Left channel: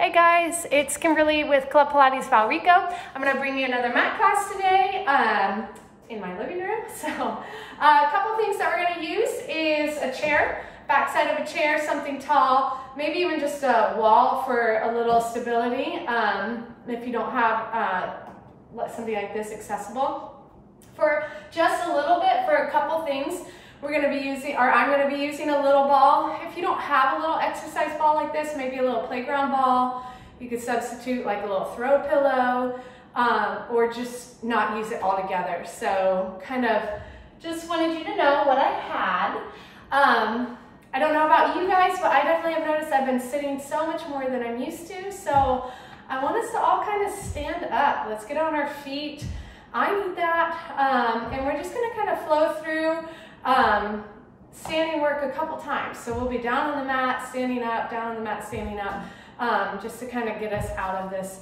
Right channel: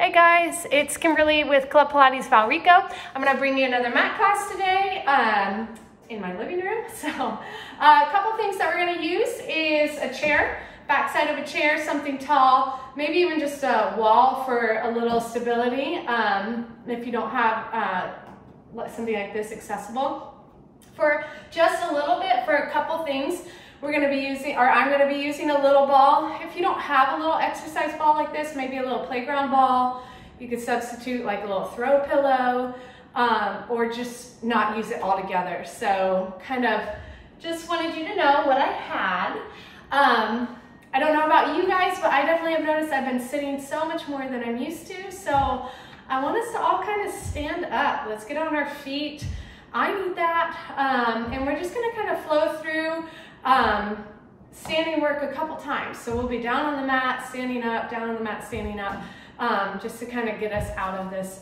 Hey guys, it's Kimberly with Club Pilates Valrico. I'm gonna bring you another mat class today in my living room. So a couple things that we're gonna use is a chair, backside of a chair, something tall, maybe even just a wall for a little stability if you don't have something like this accessible. For just a little bit, for a couple things, we're gonna be using, or I'm gonna be using a little ball. If you don't have a little exercise ball like this, maybe a little playground ball, you could substitute like a little throw pillow, or just not use it all together. So kind of just wanted you to know what I had. I don't know about you guys, but I definitely have noticed I've been sitting so much more than I'm used to. So I want us to all kind of stand up. Let's get on our feet. I need that. And we're just gonna kind of flow through standing work a couple times. So we'll be down on the mat, standing up, down on the mat, standing up, just to kind of get us out of this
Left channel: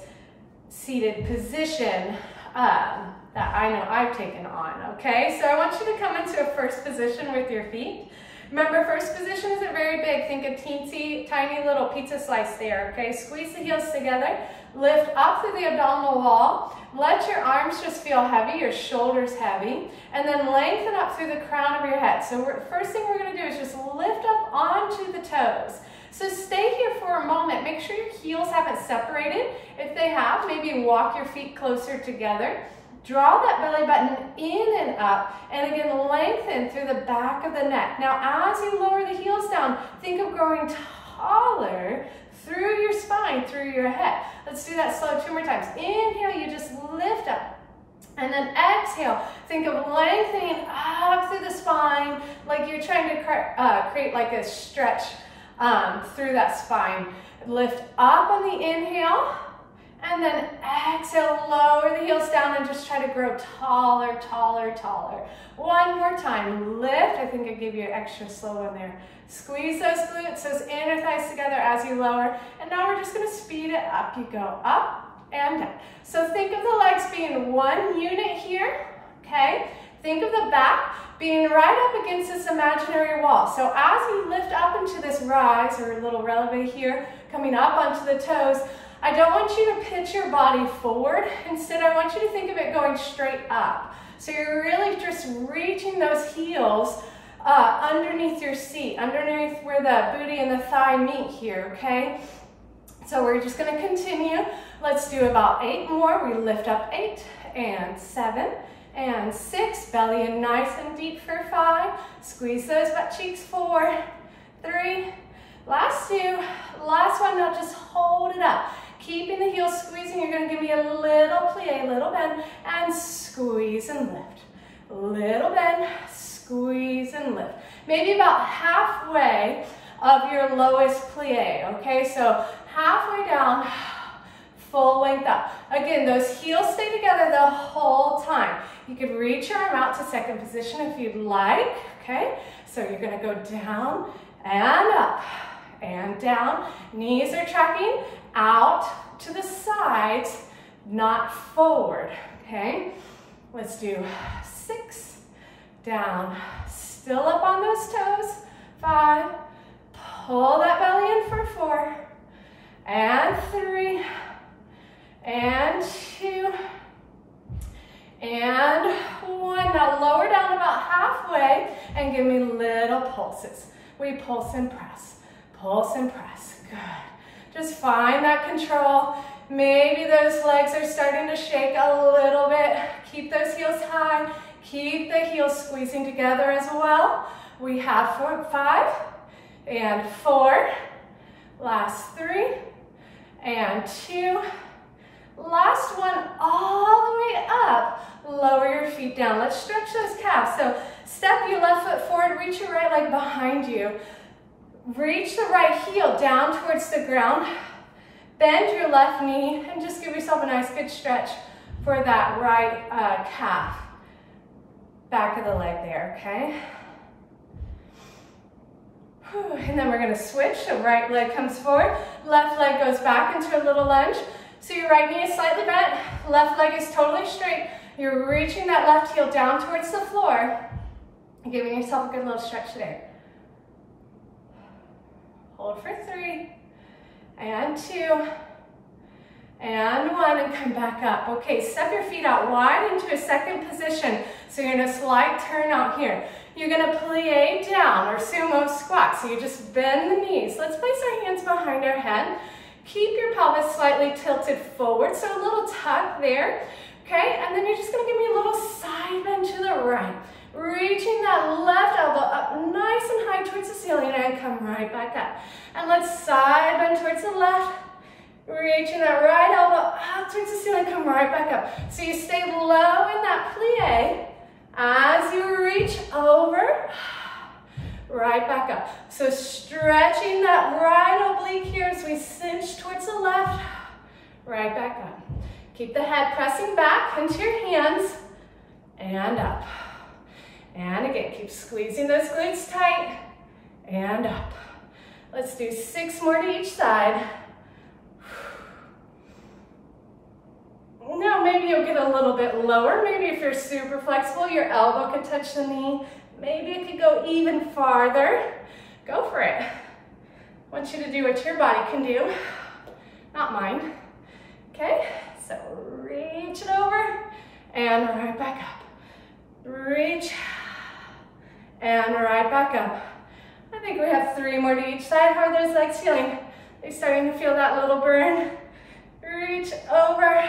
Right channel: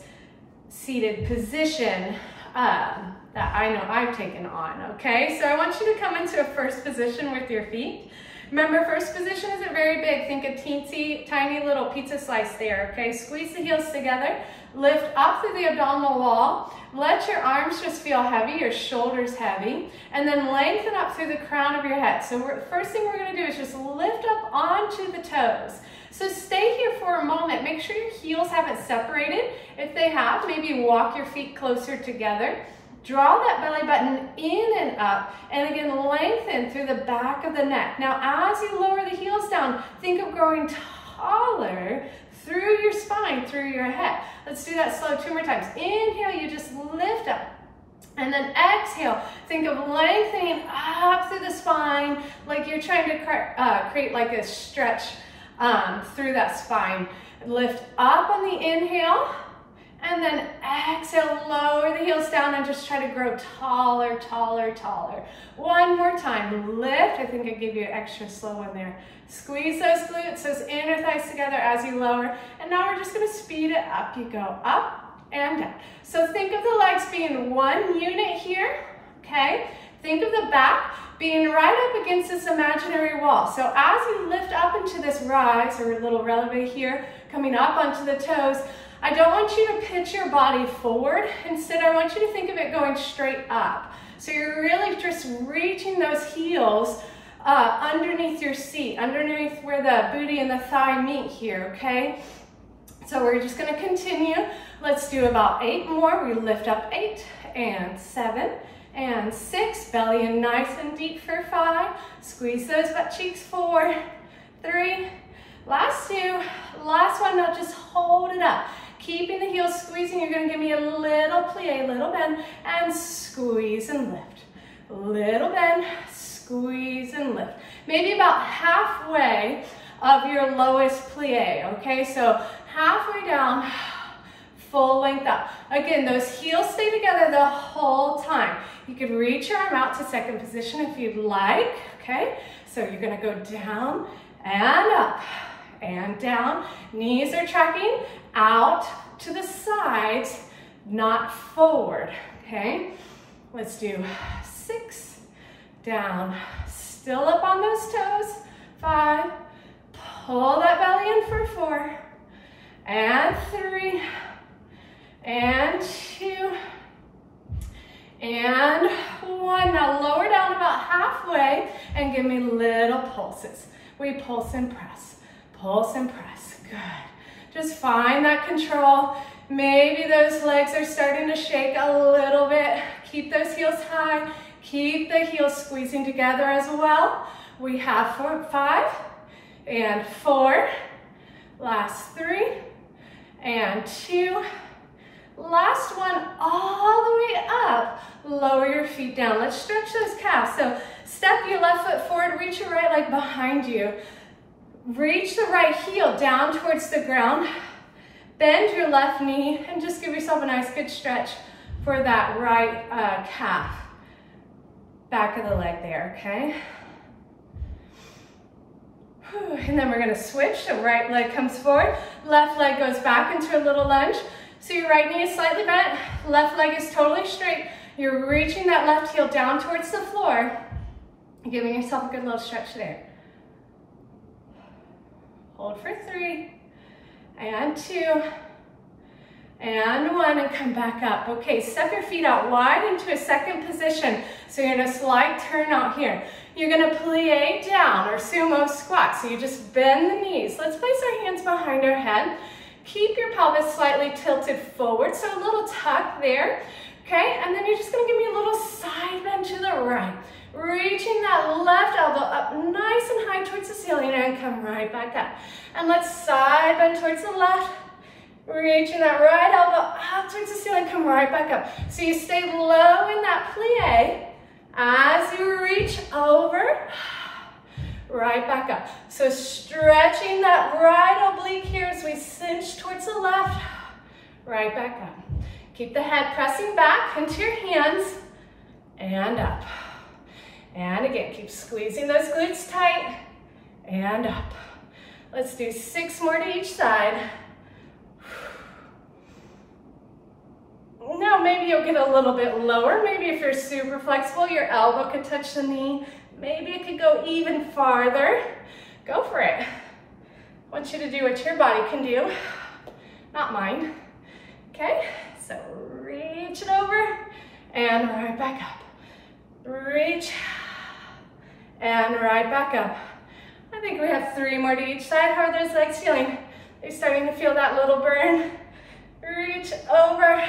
seated position that I know I've taken on, okay? So I want you to come into a first position with your feet. Remember, first position isn't very big. Think a teensy tiny little pizza slice there, okay? Squeeze the heels together, lift up through the abdominal wall. Let your arms just feel heavy, your shoulders heavy, and then lengthen up through the crown of your head. So first thing we're gonna do is just lift up onto the toes. So stay here for a moment. Make sure your heels haven't separated. If they have, maybe walk your feet closer together. Draw that belly button in and up, and again, lengthen through the back of the neck. Now, as you lower the heels down, think of growing taller through your spine, through your head. Let's do that slow 2 more times. Inhale, you just lift up. And then exhale, think of lengthening up through the spine, like you're trying to create like a stretch through that spine. Lift up on the inhale, and then exhale, lower the heels down and just try to grow taller, taller, taller. One more time, lift. I think I gave you an extra slow one there. Squeeze those glutes, those inner thighs together as you lower. And now we're just gonna speed it up. You go up and down. So think of the legs being one unit here, okay? Think of the back being right up against this imaginary wall. So as you lift up into this rise, or a little releve here, coming up onto the toes, I don't want you to pitch your body forward. Instead, I want you to think of it going straight up. So you're really just reaching those heels underneath your seat, underneath where the booty and the thigh meet here, okay? So we're just gonna continue. Let's do about 8 more. We lift up 8 and 7 and 6. Belly in nice and deep for 5. Squeeze those butt cheeks. 4, 3, last 2, last one. Now just hold it up. Keeping the heels squeezing, you're gonna give me a little plie, little bend, and squeeze and lift. Little bend, squeeze and lift. Maybe about halfway of your lowest plie, okay? So halfway down, full length up. Again, those heels stay together the whole time. You can reach your arm out to second position if you'd like, okay? So you're gonna go down and up and down. Knees are tracking out to the sides, not forward, okay? Let's do 6, down, still up on those toes. 5, pull that belly in for 4, and 3, and 2, and 1. Now lower down about halfway and give me little pulses. We pulse and press, pulse and press. Good. Just find that control. Maybe those legs are starting to shake a little bit. Keep those heels high. Keep the heels squeezing together as well. We have 5 and 4. Last 3 and 2. Last one, all the way up. Lower your feet down. Let's stretch those calves. So step your left foot forward, reach your right leg behind you. Reach the right heel down towards the ground. Bend your left knee and just give yourself a nice good stretch for that right calf. Back of the leg there, okay? And then we're gonna switch. The right leg comes forward, left leg goes back into a little lunge. So your right knee is slightly bent, left leg is totally straight. You're reaching that left heel down towards the floor, giving yourself a good little stretch there. Hold for 3, and 2, and 1, and come back up. Okay, step your feet out wide into a second position. So you're in a slight turn out here. You're gonna plie down or sumo squat. So you just bend the knees. Let's place our hands behind our head. Keep your pelvis slightly tilted forward, so a little tuck there. Okay, and then you're just gonna give me a little side bend to the right. Reaching that left elbow up nice and high towards the ceiling and come right back up. And let's side bend towards the left. Reaching that right elbow up towards the ceiling, come right back up. So you stay low in that plie as you reach over, right back up. So stretching that right oblique here as we cinch towards the left, right back up. Keep the head pressing back into your hands and up. And again, keep squeezing those glutes tight and up. Let's do 6 more to each side. Now maybe you'll get a little bit lower. Maybe if you're super flexible, your elbow could touch the knee. Maybe it could go even farther. Go for it. I want you to do what your body can do, not mine. Okay, so reach it over and right back up. Reach and right back up. I think we have 3 more to each side. How are those legs feeling? They're starting to feel that little burn. Reach over,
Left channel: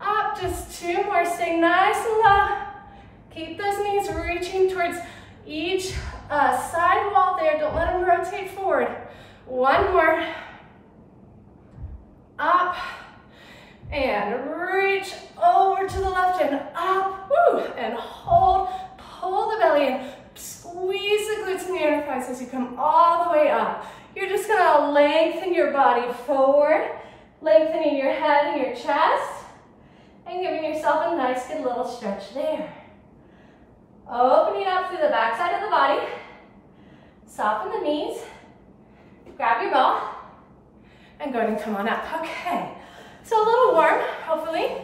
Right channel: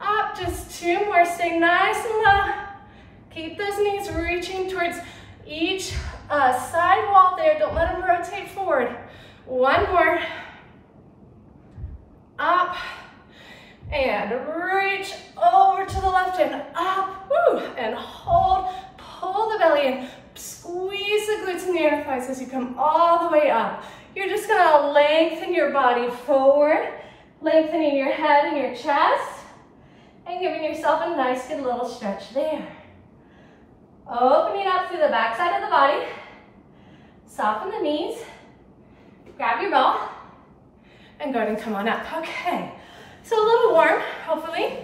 up, just 2 more. Stay nice and low. Keep those knees reaching towards each side wall there. Don't let them rotate forward. 1 more. Up and reach over to the left and up. Woo, and hold. Pull the belly in. Squeeze the glutes and the inner thighs as you come all the way up. You're just gonna lengthen your body forward, lengthening your head and your chest, and giving yourself a nice good little stretch there. Opening up through the back side of the body. Soften the knees. Grab your ball and go ahead and come on up. Okay, so a little warm, hopefully.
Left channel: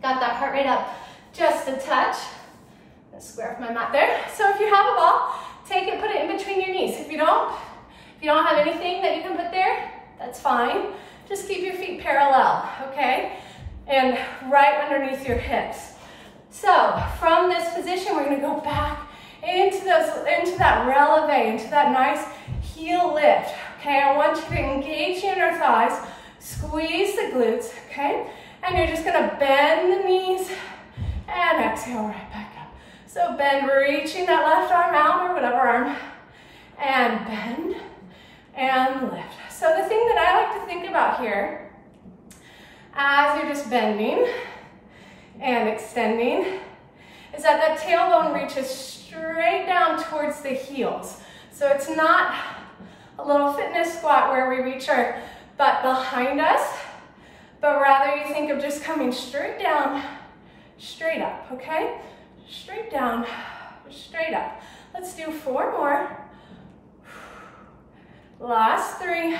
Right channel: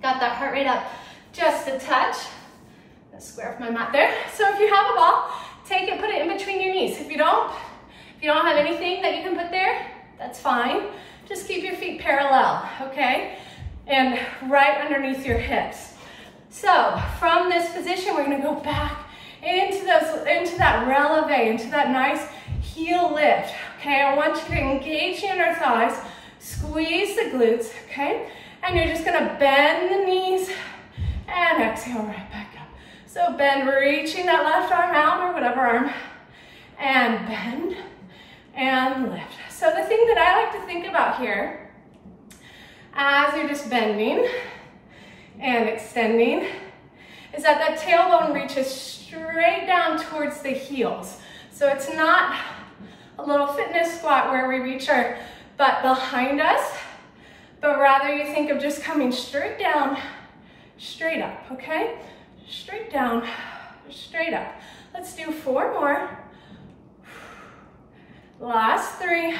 Got that heart rate up just a touch. Square off my mat there. So if you have a ball, take it, put it in between your knees. If you don't have anything that you can put there, that's fine. Just keep your feet parallel, okay? And right underneath your hips. So from this position, we're gonna go back into that releve, into that nice heel lift, okay? I want you to engage the inner thighs, squeeze the glutes, okay? And you're just gonna bend the knees and exhale right back up. So bend, reaching that left arm out or whatever arm, and bend and lift. So the thing that I like to think about here, as you're just bending and extending, is that tailbone reaches straight down towards the heels. So it's not a little fitness squat where we reach our butt behind us, but rather you think of just coming straight down, straight up, okay? Straight down, straight up. Let's do 4 more. Last 3.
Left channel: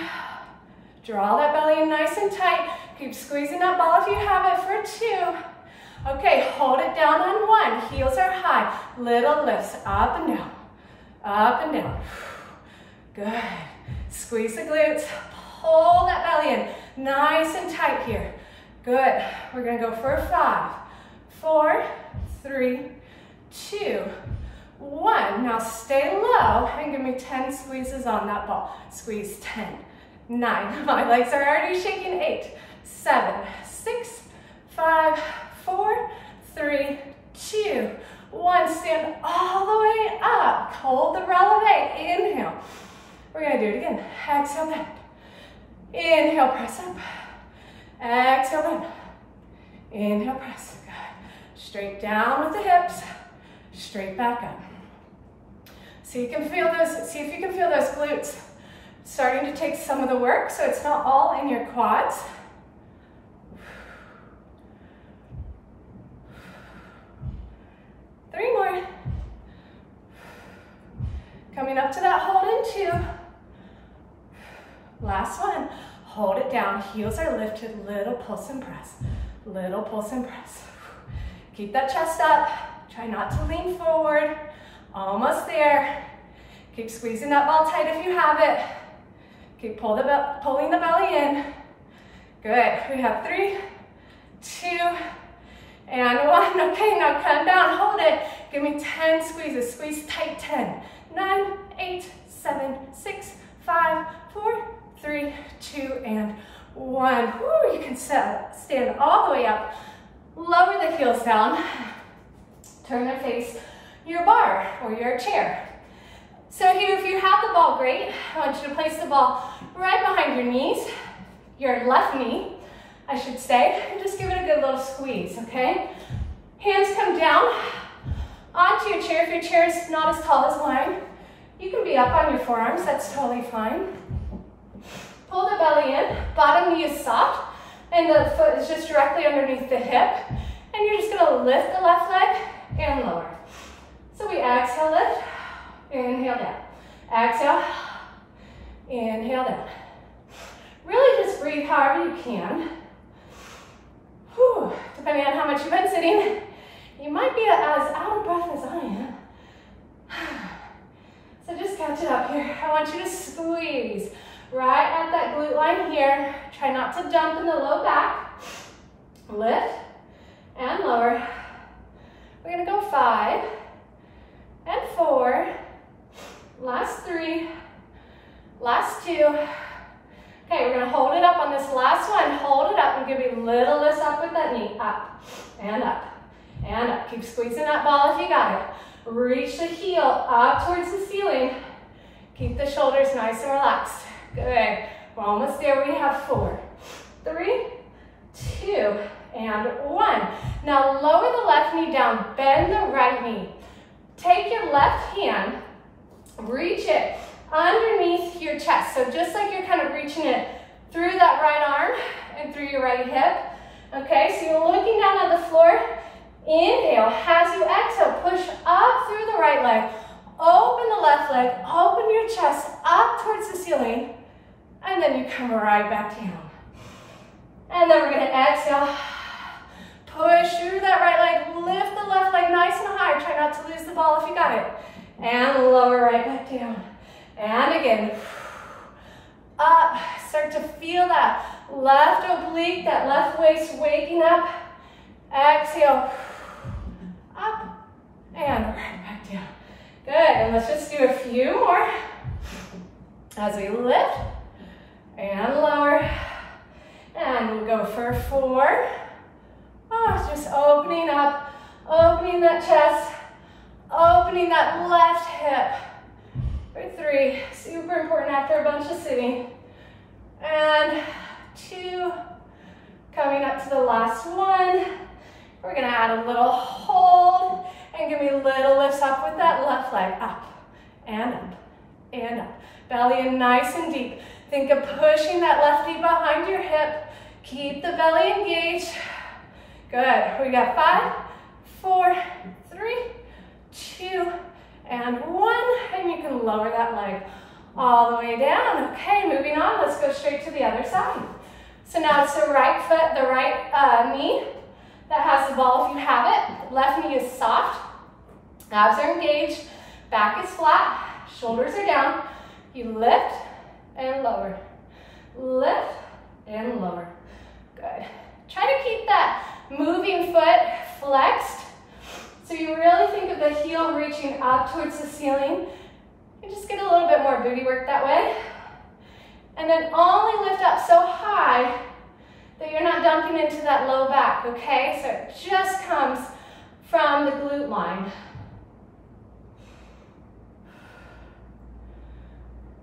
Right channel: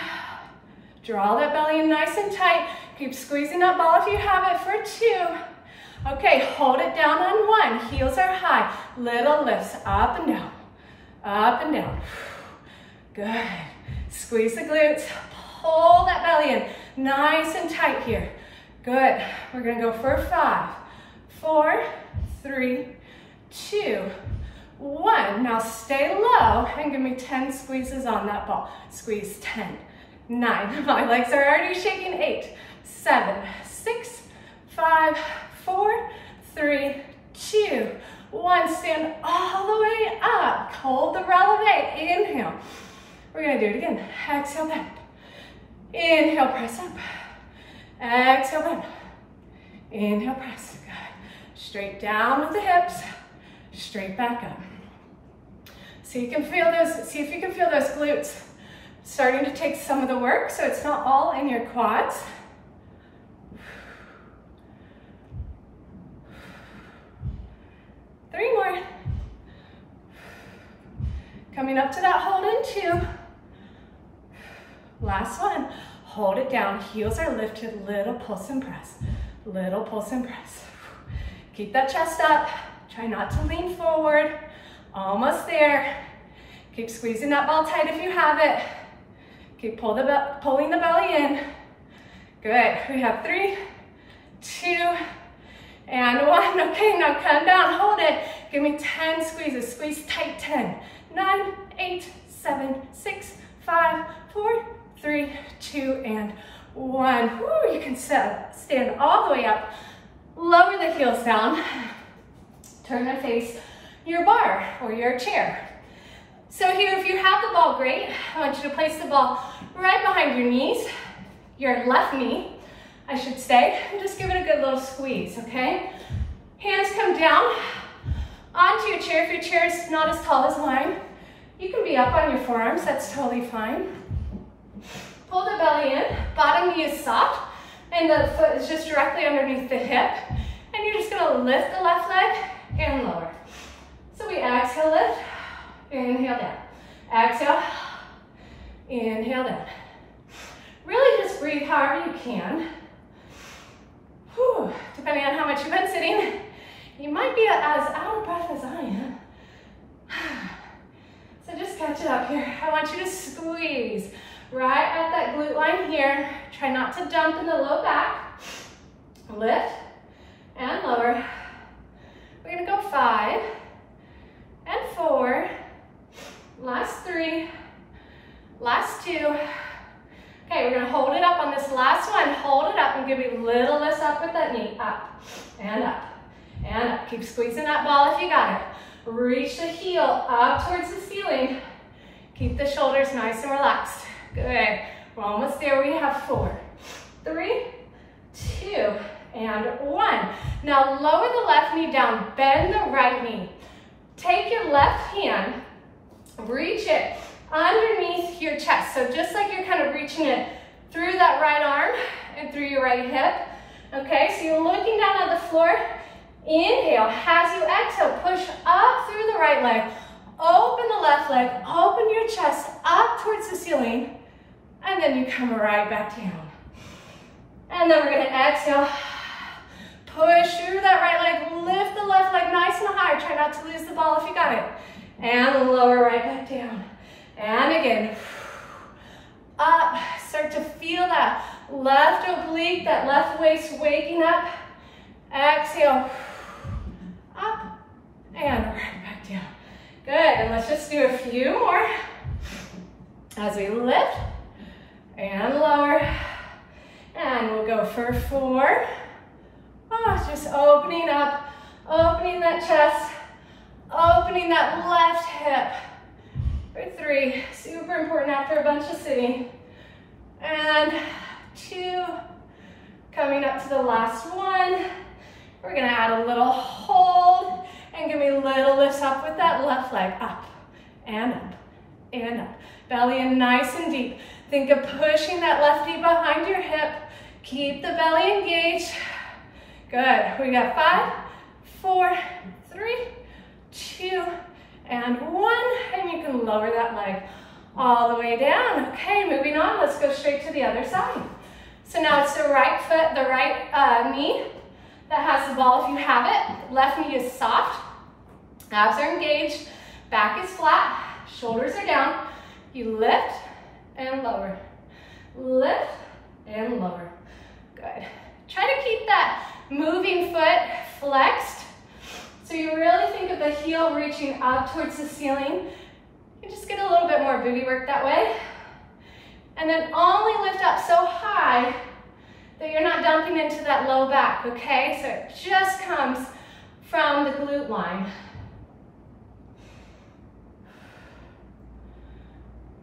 Draw that belly in nice and tight. Keep squeezing that ball if you have it for 2. Okay, hold it down on 1. Heels are high. Little lifts up and down, up and down. Good. Squeeze the glutes. Pull that belly in. Nice and tight here. Good. We're gonna go for 5, 4, 3, 2, 1. Now stay low and give me 10 squeezes on that ball. Squeeze 10, 9. My legs are already shaking. 8, 7, 6, 5, 4, 3, 2, 1. Stand all the way up. Hold the releve. Inhale. We're gonna do it again. Exhale, bend. Inhale, press up. Exhale, bend. Inhale, press. Good. Straight down with the hips. Straight back up. So you can feel those, see if you can feel those glutes starting to take some of the work so it's not all in your quads. Three more. Coming up to that hold in 2. Last one. Hold it down. Heels are lifted. Little pulse and press. Little pulse and press. Keep that chest up. Try not to lean forward. Almost there. Keep squeezing that ball tight if you have it. Keep pulling the belly in. Good. We have 3, 2, and 1. Okay, now come down, hold it. Give me 10 squeezes. Squeeze tight, 10, 9, 8, 7, 6, 5, 4, 3, 2, and 1. Woo, you can stand all the way up. Lower the heels down. Turn and face your bar or your chair. So here, if you have the ball, great. I want you to place the ball right behind your knees, your left knee, I should say, and just give it a good little squeeze, okay? Hands come down onto your chair. If your chair is not as tall as mine, you can be up on your forearms, that's totally fine. Pull the belly in, bottom knee is soft, and the foot is just directly underneath the hip, and you're just gonna lift the left leg and lower. So we exhale, lift, inhale down. Exhale, inhale down. Really just breathe however you can. Whew. Depending on how much you've been sitting, you might be as out of breath as I am. So just catch it up here. I want you to squeeze right at that glute line here. Try not to dump in the low back. Lift and lower. We're gonna go 5 and 4. Last 3, last 2. Okay, we're gonna hold it up on this last one. Hold it up and give me little lifts up with that knee. Up and up and up. Keep squeezing that ball if you got it. Reach the heel up towards the ceiling. Keep the shoulders nice and relaxed. Good. We're almost there. We have 4, 3, 2, and 1. Now lower the left knee down. Bend the right knee. Take your left hand, reach it underneath your chest. So just like you're kind of reaching it through that right arm and through your right hip. Okay, so you're looking down at the floor. Inhale. As you exhale, push up through the right leg. Open the left leg. Open your chest up towards the ceiling. And then you come right back down. And then we're going to exhale. Push through that right leg. Lift the left leg nice and high. Try not to lose the ball if you got it. And lower right back down. And again, up. Start to feel that left oblique, that left waist waking up. Exhale, up and right back down. Good, and let's just do a few more as we lift and lower. And we'll go for 4. Oh, just opening up, opening that chest, opening that left hip. For 3, super important after a bunch of sitting. And 2, coming up to the last one. We're gonna add a little hold and give me little lifts up with that left leg. Up and up and up. Belly in nice and deep. Think of pushing that left knee behind your hip. Keep the belly engaged. Good. We got 5, 4, 3, 2, and 1. And you can lower that leg all the way down. Okay, moving on. Let's go straight to the other side. So now it's the right foot, the right knee that has the ball if you have it. Left knee is soft. Abs are engaged. Back is flat. Shoulders are down. You lift and lower. Lift and lower. Good. Try to keep that moving foot flexed. So you really think of the heel reaching up towards the ceiling. You just get a little bit more booty work that way. And then only lift up so high that you're not dumping into that low back, okay? So it just comes from the glute line.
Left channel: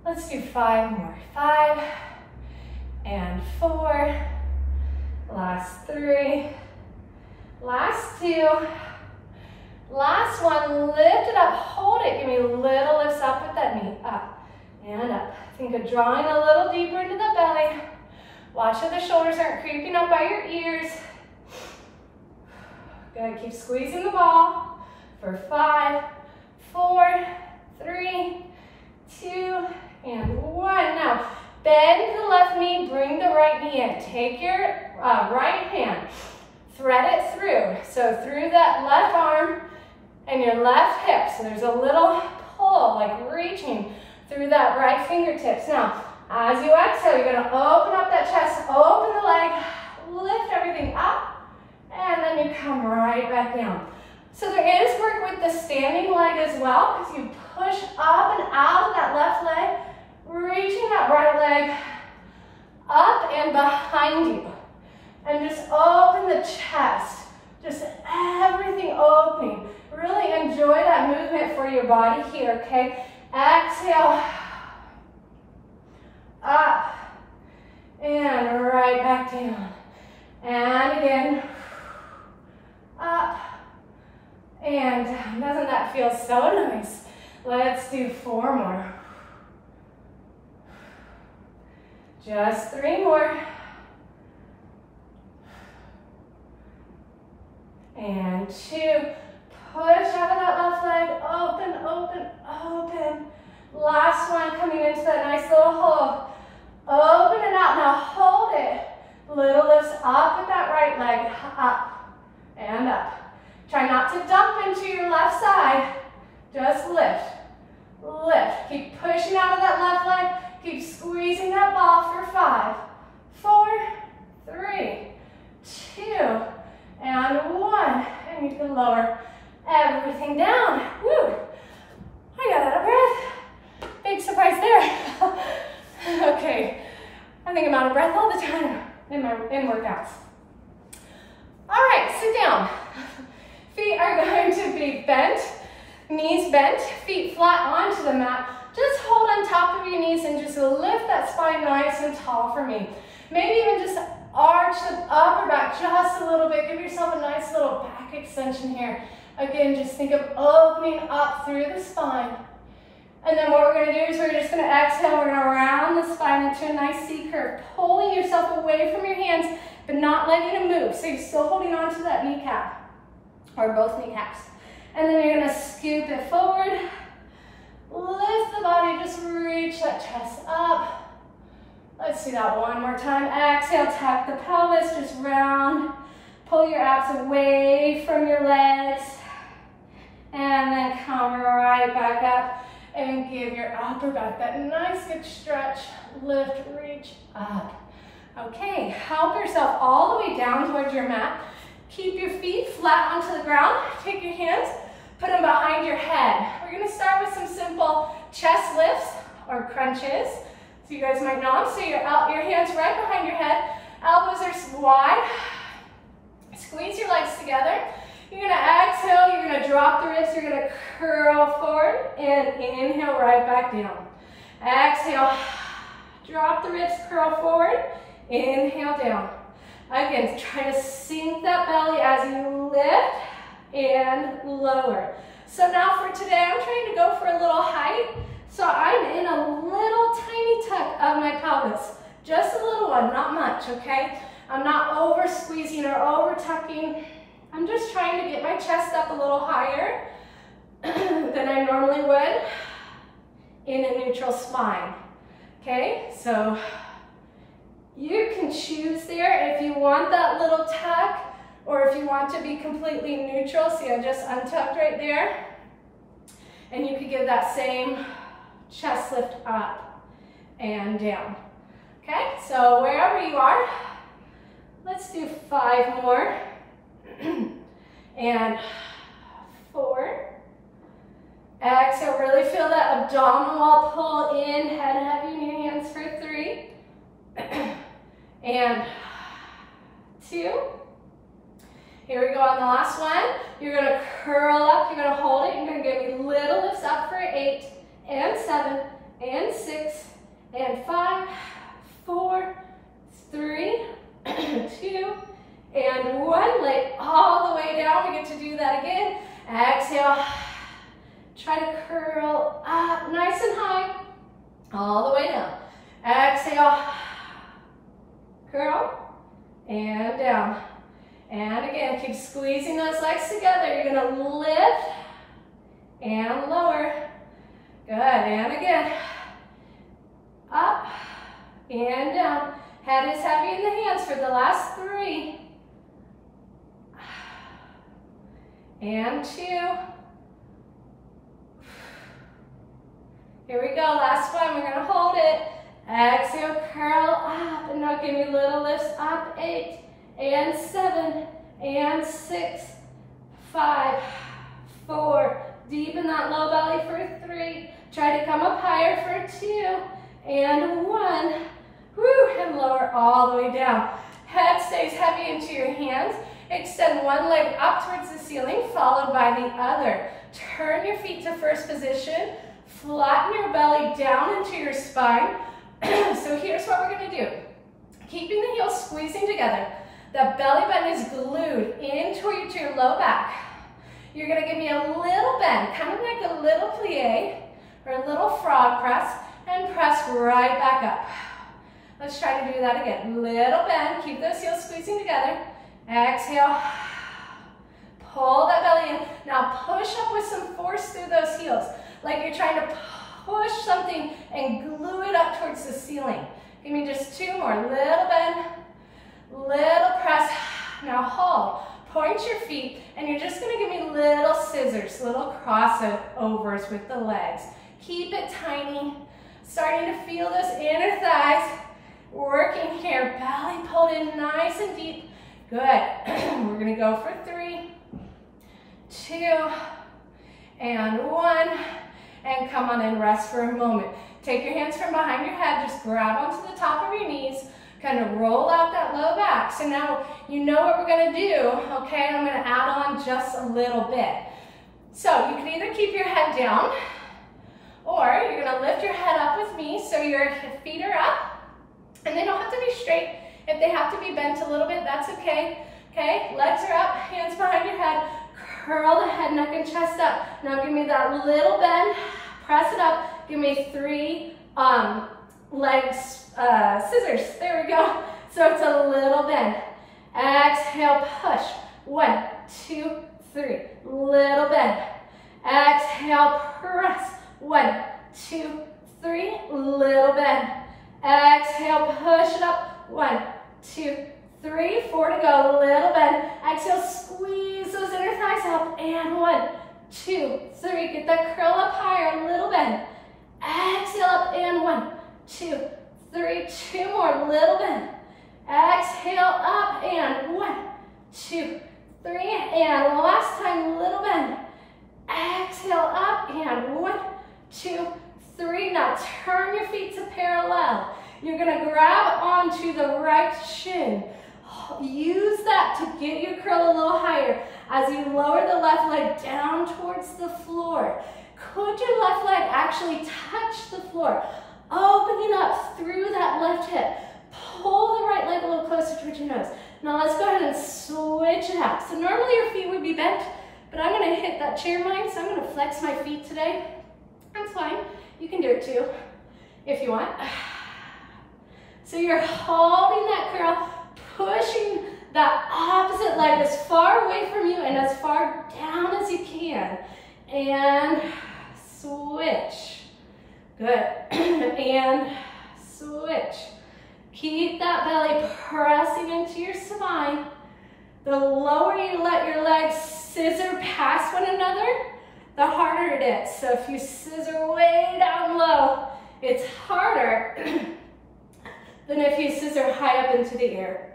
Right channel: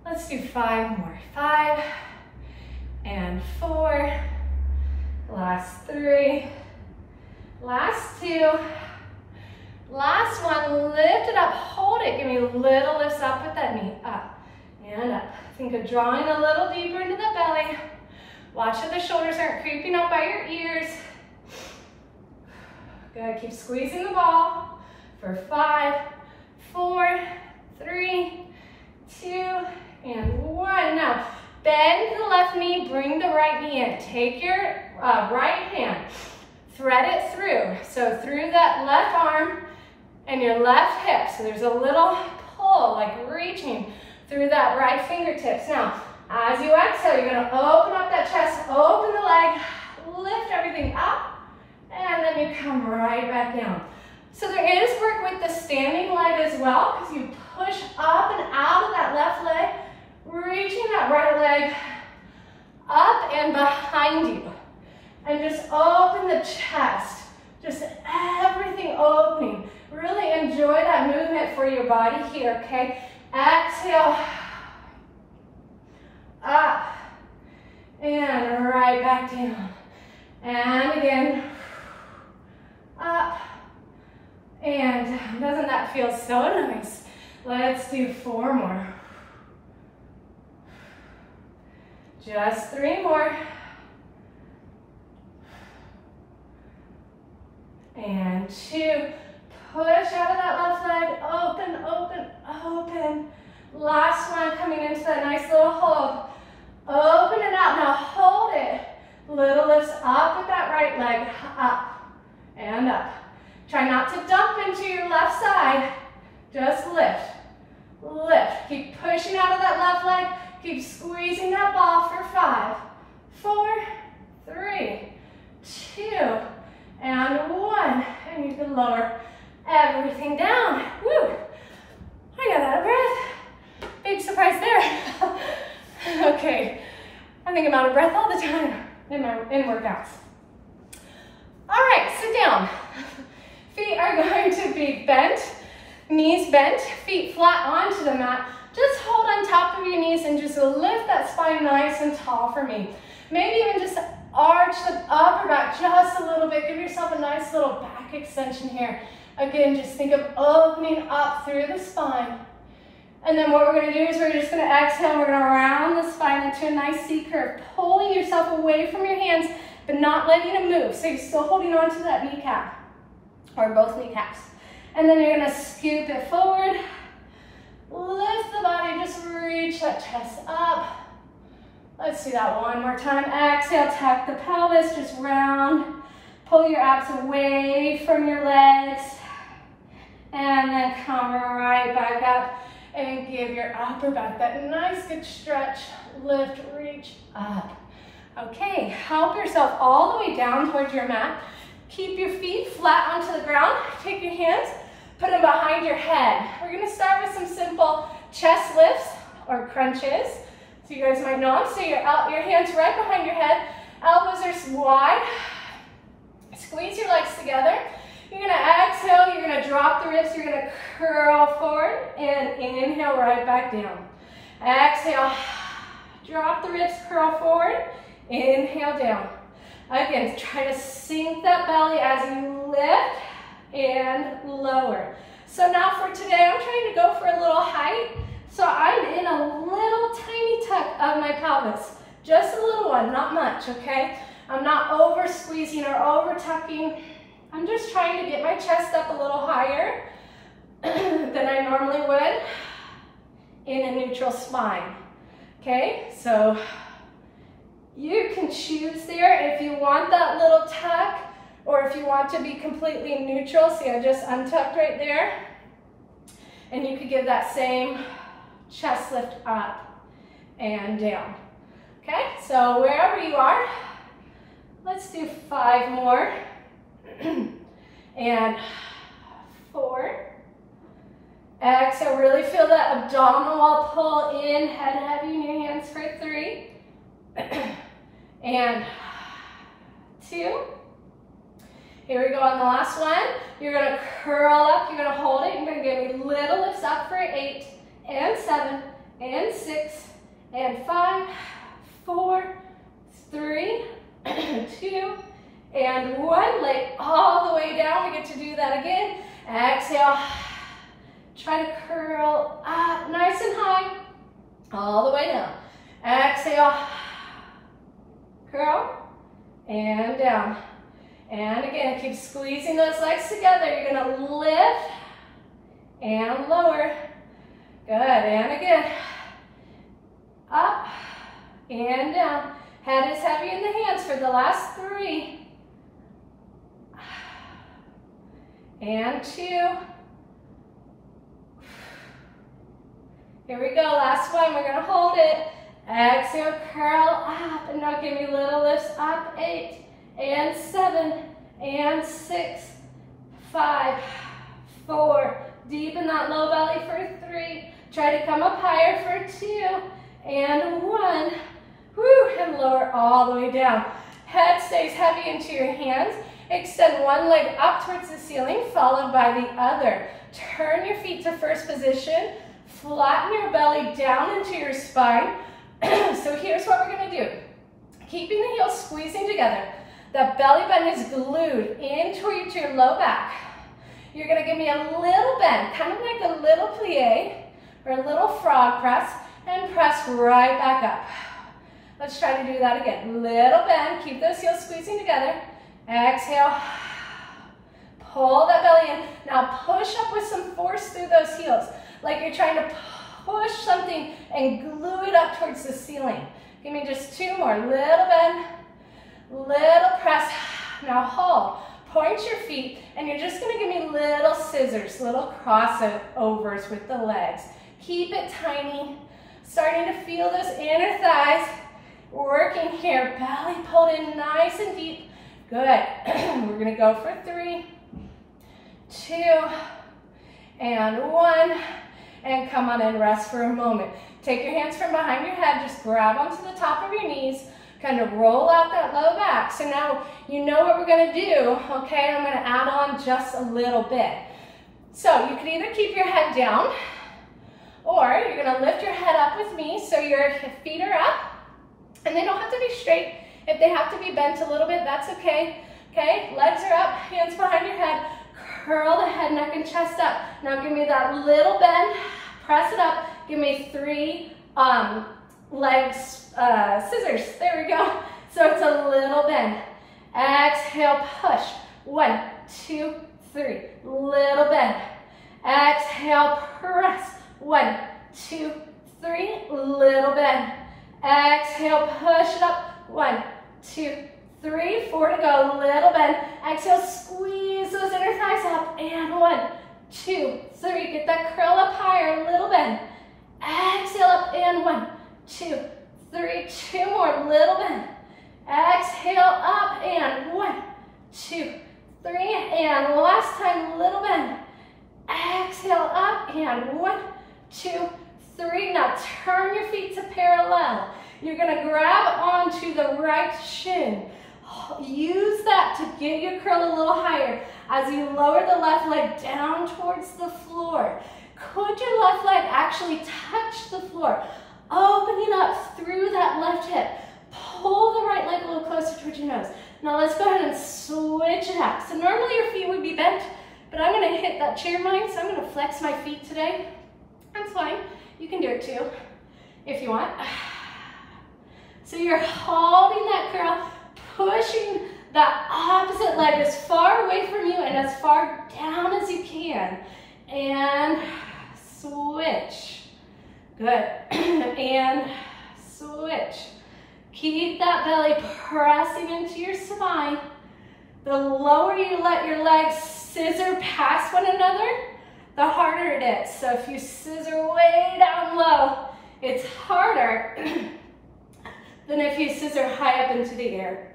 Let's do 5 more. 5 and 4. Last 3. Last 2. Last one, lift it up, hold it. Give me little lifts up with that knee. Up and up. Think of drawing a little deeper into the belly. Watch that the shoulders aren't creeping up by your ears. Good, keep squeezing the ball for 5, 4, 3, 2, and 1. Now, bend the left knee, bring the right knee in. Take your right hand, thread it through. So through that left arm and your left hip. So there's a little pull, like reaching through that right fingertips. Now, as you exhale, you're gonna open up that chest, open the leg, well, because you push up and out of that left leg, reaching that right leg up and behind you. And just open the chest, just everything opening. Really enjoy that movement for your body here, okay? Exhale, up, and right back down. And again, up, and down. Doesn't that feel so nice? Let's do 4 more. Just 3 more. And 2. Push out of that left leg. Open, open, open. Last one, coming into that nice little hold. Open it out. Now hold it. Little lifts up with that right leg. Up and up. Try not to dump into your left side. Just lift. Lift. Keep pushing out of that left leg. Keep squeezing that ball for 5, 4, 3, 2, and 1. And you can lower everything down. Woo! I got out of breath. Big surprise there. Okay, I think I'm out of breath all the time in workouts. All right, sit down. Feet are going to be bent, knees bent, feet flat onto the mat. Just hold on top of your knees and just lift that spine nice and tall for me. Maybe even just arch the upper back just a little bit. Give yourself a nice little back extension here. Again, just think of opening up through the spine. And then what we're gonna do is we're just gonna exhale. We're gonna round the spine into a nice C curve, pulling yourself away from your hands, but not letting them move. So you're still holding on to that kneecap, or both kneecaps. And then you're gonna scoop it forward. Lift the body, just reach that chest up. Let's do that one more time. Exhale, tuck the pelvis, just round. Pull your abs away from your legs. And then come right back up and give your upper back that nice good stretch. Lift, reach up. Okay, help yourself all the way down towards your mat. Keep your feet flat onto the ground. Take your hands, put them behind your head. We're gonna start with some simple chest lifts or crunches. So you guys might know them. So your hands right behind your head. Elbows are wide. Squeeze your legs together. You're gonna exhale, you're gonna drop the ribs, you're gonna curl forward and inhale right back down. Exhale, drop the ribs, curl forward, inhale down. Again, try to sink that belly as you lift and lower. So now for today, I'm trying to go for a little height. So I'm in a little tiny tuck of my pelvis. Just a little one, not much, okay? I'm not over squeezing or over tucking. I'm just trying to get my chest up a little higher than I normally would in a neutral spine, okay? So you can choose there if you want that little tuck or if you want to be completely neutral. See, I just untucked right there. And you could give that same chest lift up and down. Okay, so wherever you are, let's do 5 more. And 4. Exhale, really feel that abdominal wall pull in, head heavy in your hands for 3. And 2. Here we go on the last one. You're gonna curl up, you're gonna hold it, you're gonna give me little lifts up for 8, and 7, and 6, and 5, 4, 3, 2, and 1. Lay all the way down. We get to do that again. Exhale. Try to curl up nice and high, all the way down. Exhale. Curl, and down. And again, keep squeezing those legs together. You're gonna lift and lower. Good, and again. Up and down. Head is heavy in the hands for the last 3. And 2. Here we go, last one, we're gonna hold it. Exhale, curl up, and now give me little lifts up. 8, and 7, and 6, 5, 4, Deepen that low belly for 3. Try to come up higher for 2 and 1. Woo, and lower all the way down. Head stays heavy into your hands. Extend one leg up towards the ceiling, followed by the other. Turn your feet to first position. Flatten your belly down into your spine. So here's what we're gonna do. Keeping the heels squeezing together. That belly button is glued into your low back. You're gonna give me a little bend, kind of like a little plie or a little frog press, and press right back up. Let's try to do that again. Little bend, keep those heels squeezing together. Exhale, pull that belly in. Now push up with some force through those heels, like you're trying to push something and glue it up towards the ceiling. Give me just 2 more. Little bend, little press. Now hold. Point your feet, and you're just gonna give me little scissors, little crossovers with the legs. Keep it tiny. Starting to feel those inner thighs. Working here, belly pulled in nice and deep. Good. We're gonna go for 3, 2, and 1. And come on and rest for a moment. Take your hands from behind your head, just grab onto the top of your knees, kind of roll out that low back. So now you know what we're gonna do, okay? I'm gonna add on just a little bit. So you can either keep your head down, or you're gonna lift your head up with me so your feet are up, and they don't have to be straight. If they have to be bent a little bit, that's okay. Okay, legs are up, hands behind your head, curl the head, neck, and chest up. Now give me that little bend, press it up, give me 3 legs, scissors, there we go. So it's a little bend. Exhale, push, 1, 2, 3, little bend. Exhale, press, 1, 2, 3, little bend. Exhale, push it up, 1, 2, 3, 4 to go, little bend. Exhale, squeeze those inner thighs up, and 1, 2, 3, get that curl up higher, little bend. Exhale up, and 1, 2, 3, 2 more, little bend. Exhale up, and 1, 2, 3, and last time, little bend. Exhale up, and 1, 2, 3. Now turn your feet to parallel. You're gonna grab onto the right shin. Use that to get your curl a little higher as you lower the left leg down towards the floor. Could your left leg actually touch the floor? Opening up through that left hip. Pull the right leg a little closer towards your nose. Now let's go ahead and switch it out. So normally your feet would be bent, but I'm gonna hit that chair line, so I'm gonna flex my feet today. That's fine. You can do it too, if you want. So you're holding that curl, pushing that opposite leg as far away from you and as far down as you can. And switch. Good. And switch. Keep that belly pressing into your spine. The lower you let your legs scissor past one another, the harder it is. So if you scissor way down low, it's harder than if you scissor high up into the air.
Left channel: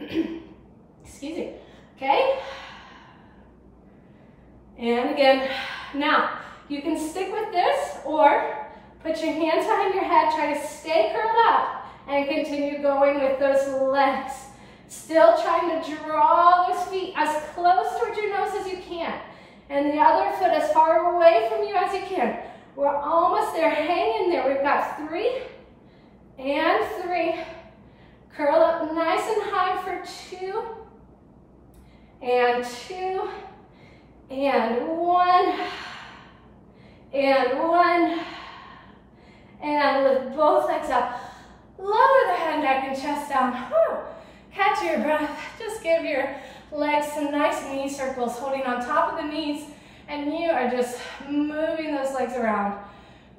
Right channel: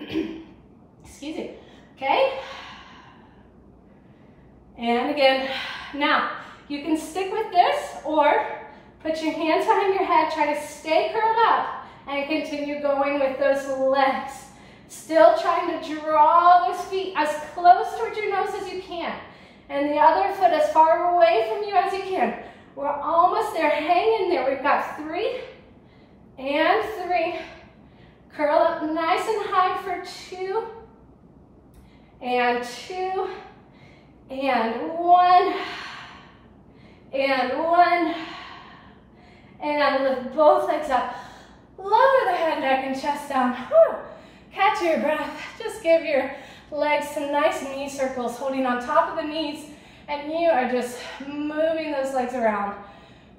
Excuse me, okay? And again, now you can stick with this or put your hands behind your head, try to stay curled up and continue going with those legs. Still trying to draw those feet as close towards your nose as you can. And the other foot as far away from you as you can. We're almost there, hang in there. We've got 3 and 3. Curl up nice and high for 2 and 2 and 1 and 1 and lift both legs up. Lower the head, neck, and chest down. Whew. Catch your breath. Just give your legs some nice knee circles, holding on top of the knees, and you are just moving those legs around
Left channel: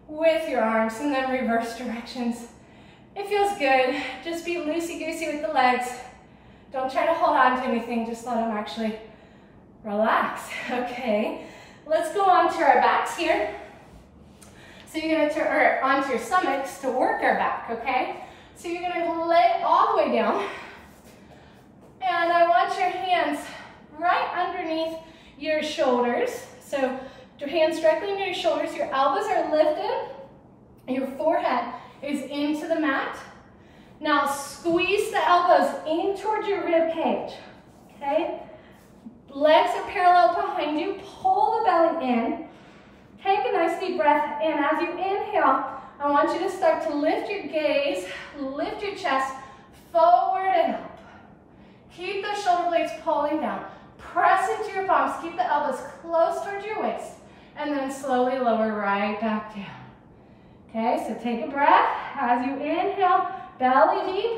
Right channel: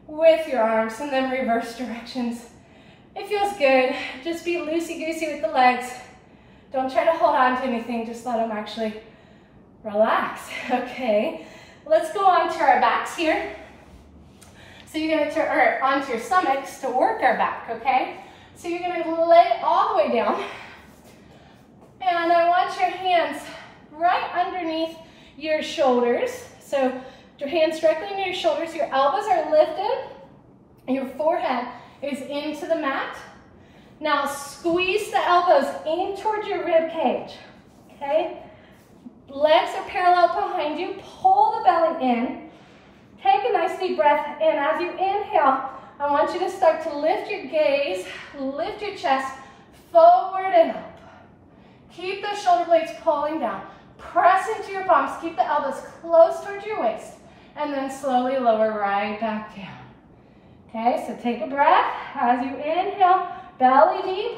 with your arms, and then reverse directions. It feels good. Just be loosey-goosey with the legs. Don't try to hold on to anything. Just let them actually relax. Okay, let's go on to our backs here. So you're going to turn onto your stomachs to work our back, okay? So you're going to lay it all the way down. And I want your hands right underneath your shoulders. So Your hands directly near your shoulders, your elbows are lifted, your forehead is into the mat. Now squeeze the elbows in towards your rib cage, okay? Legs are parallel behind you, pull the belly in. Take a nice deep breath, and as you inhale, I want you to start to lift your gaze, lift your chest forward and up. Keep the shoulder blades pulling down. Press into your palms, keep the elbows close towards your waist, and then slowly lower right back down. Okay, so take a breath. As you inhale, belly deep,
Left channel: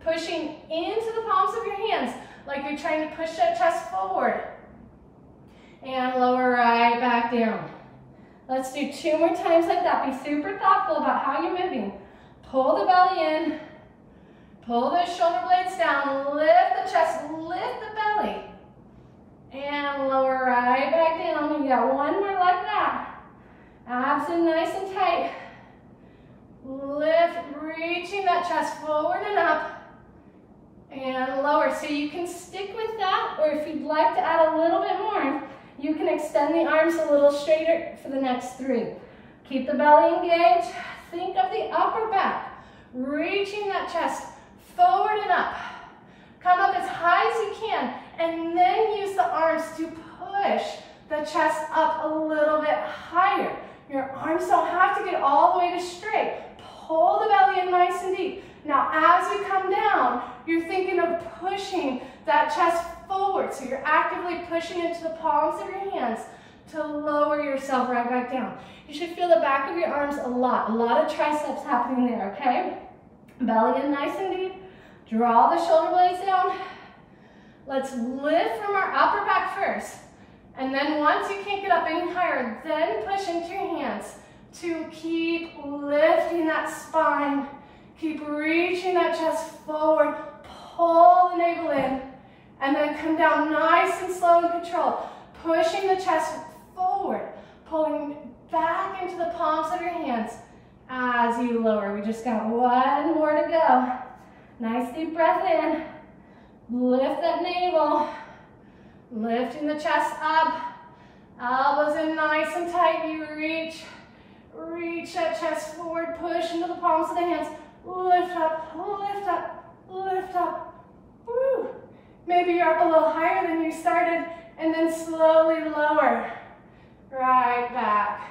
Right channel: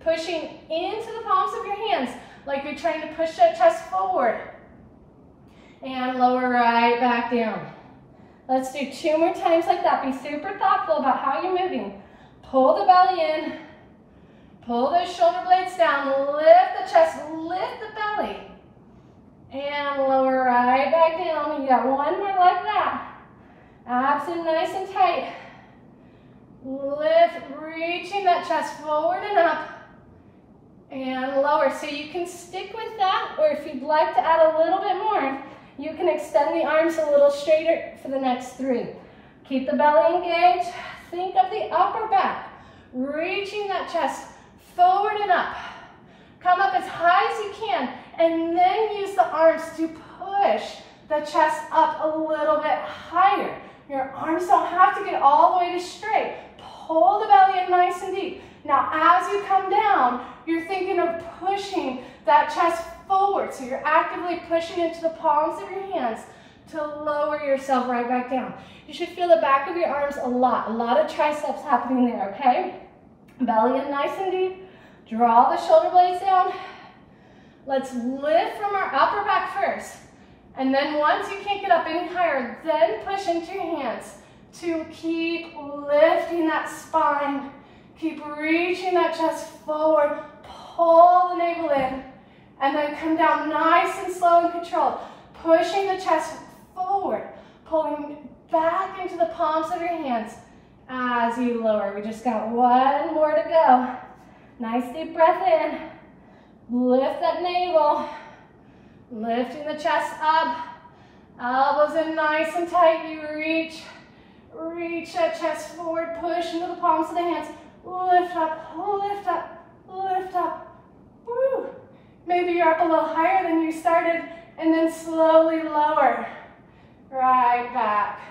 pushing into the palms of your hands like you're trying to push that chest forward. And lower right back down. Let's do 2 more times like that. Be super thoughtful about how you're moving. Pull the belly in. Pull those shoulder blades down. Lift the chest. Lift the belly. And lower right back down. You got 1 more like that. Abs in nice and tight. Lift, reaching that chest forward and up. And lower. So you can stick with that, or if you'd like to add a little bit more, you can extend the arms a little straighter for the next 3. Keep the belly engaged. Think of the upper back. Reaching that chest forward and up. Come up as high as you can, and then use the arms to push the chest up a little bit higher. Your arms don't have to get all the way to straight. Pull the belly in nice and deep. Now, as you come down, you're thinking of pushing that chest forward. So you're actively pushing into the palms of your hands to lower yourself right back down. You should feel the back of your arms a lot of triceps happening there, okay? Belly in nice and deep. Draw the shoulder blades down. Let's lift from our upper back first. And then once you can't get up any higher, then push into your hands to keep lifting that spine. Keep reaching that chest forward. Pull the navel in. And then come down nice and slow and controlled. Pushing the chest forward. Pulling back into the palms of your hands as you lower. We just got 1 more to go. Nice deep breath in. Lift that navel. Lifting the chest up. Elbows in nice and tight. You reach that chest forward. Push into the palms of the hands. Lift up, lift up, lift up. Woo. Maybe you're up a little higher than you started, and then slowly lower. Right back.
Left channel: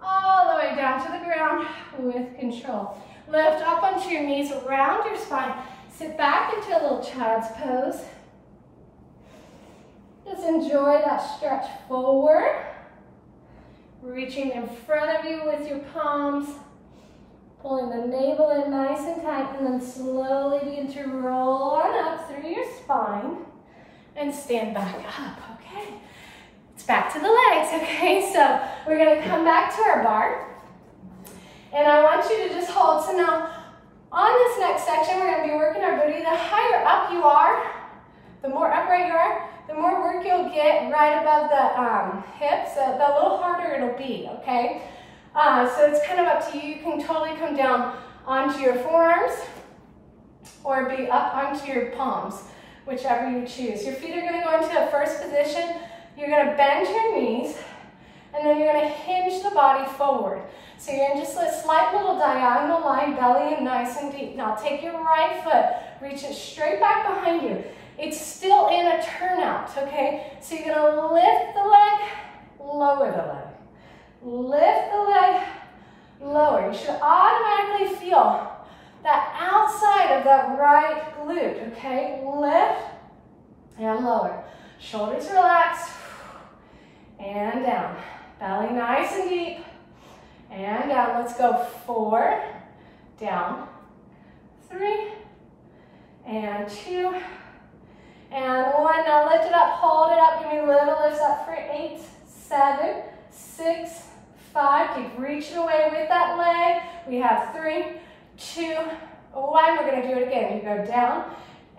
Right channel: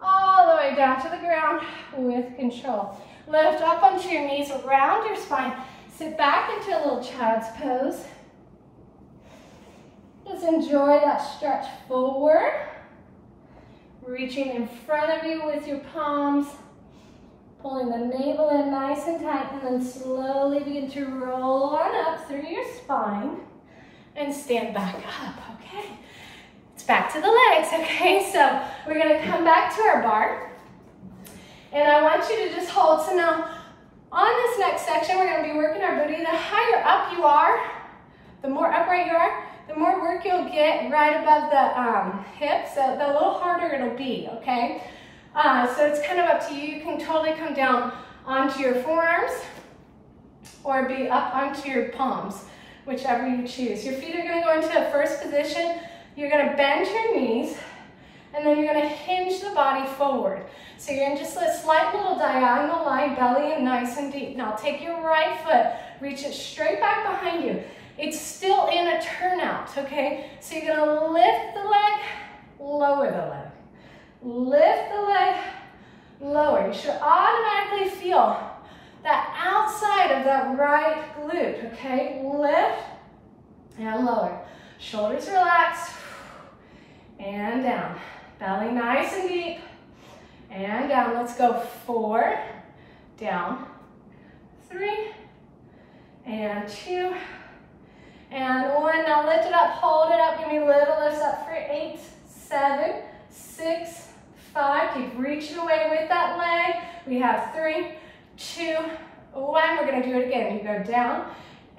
All the way down to the ground with control. Lift up onto your knees, around your spine. Sit back into a little child's pose. Just enjoy that stretch forward. Reaching in front of you with your palms. Pulling the navel in nice and tight, and then slowly begin to roll on up through your spine and stand back up, okay? It's back to the legs, okay? So we're gonna come back to our bar, and I want you to just hold. So now, on this next section, we're gonna be working our booty. The higher up you are, the more upright you are, the more work you'll get right above the hips, the little harder it'll be, okay? So it's kind of up to you. You can totally come down onto your forearms or be up onto your palms, whichever you choose. Your feet are going to go into a first position. You're going to bend your knees, and then you're going to hinge the body forward. So you're in just a slight little diagonal line, belly in nice and deep. Now take your right foot, reach it straight back behind you. It's still in a turnout, okay? So you're going to lift the leg, lower the leg. Lift the leg, lower. You should automatically feel that outside of that right glute, okay? Lift and lower. Shoulders relaxed, and down. Belly nice and deep, and down. Let's go 4, down, 3, and 2, and 1. Now lift it up, hold it up. Give me little lifts up for 8, 7, 6, 5, keep reaching away with that leg. We have 3, 2, 1. We're going to do it again. You go down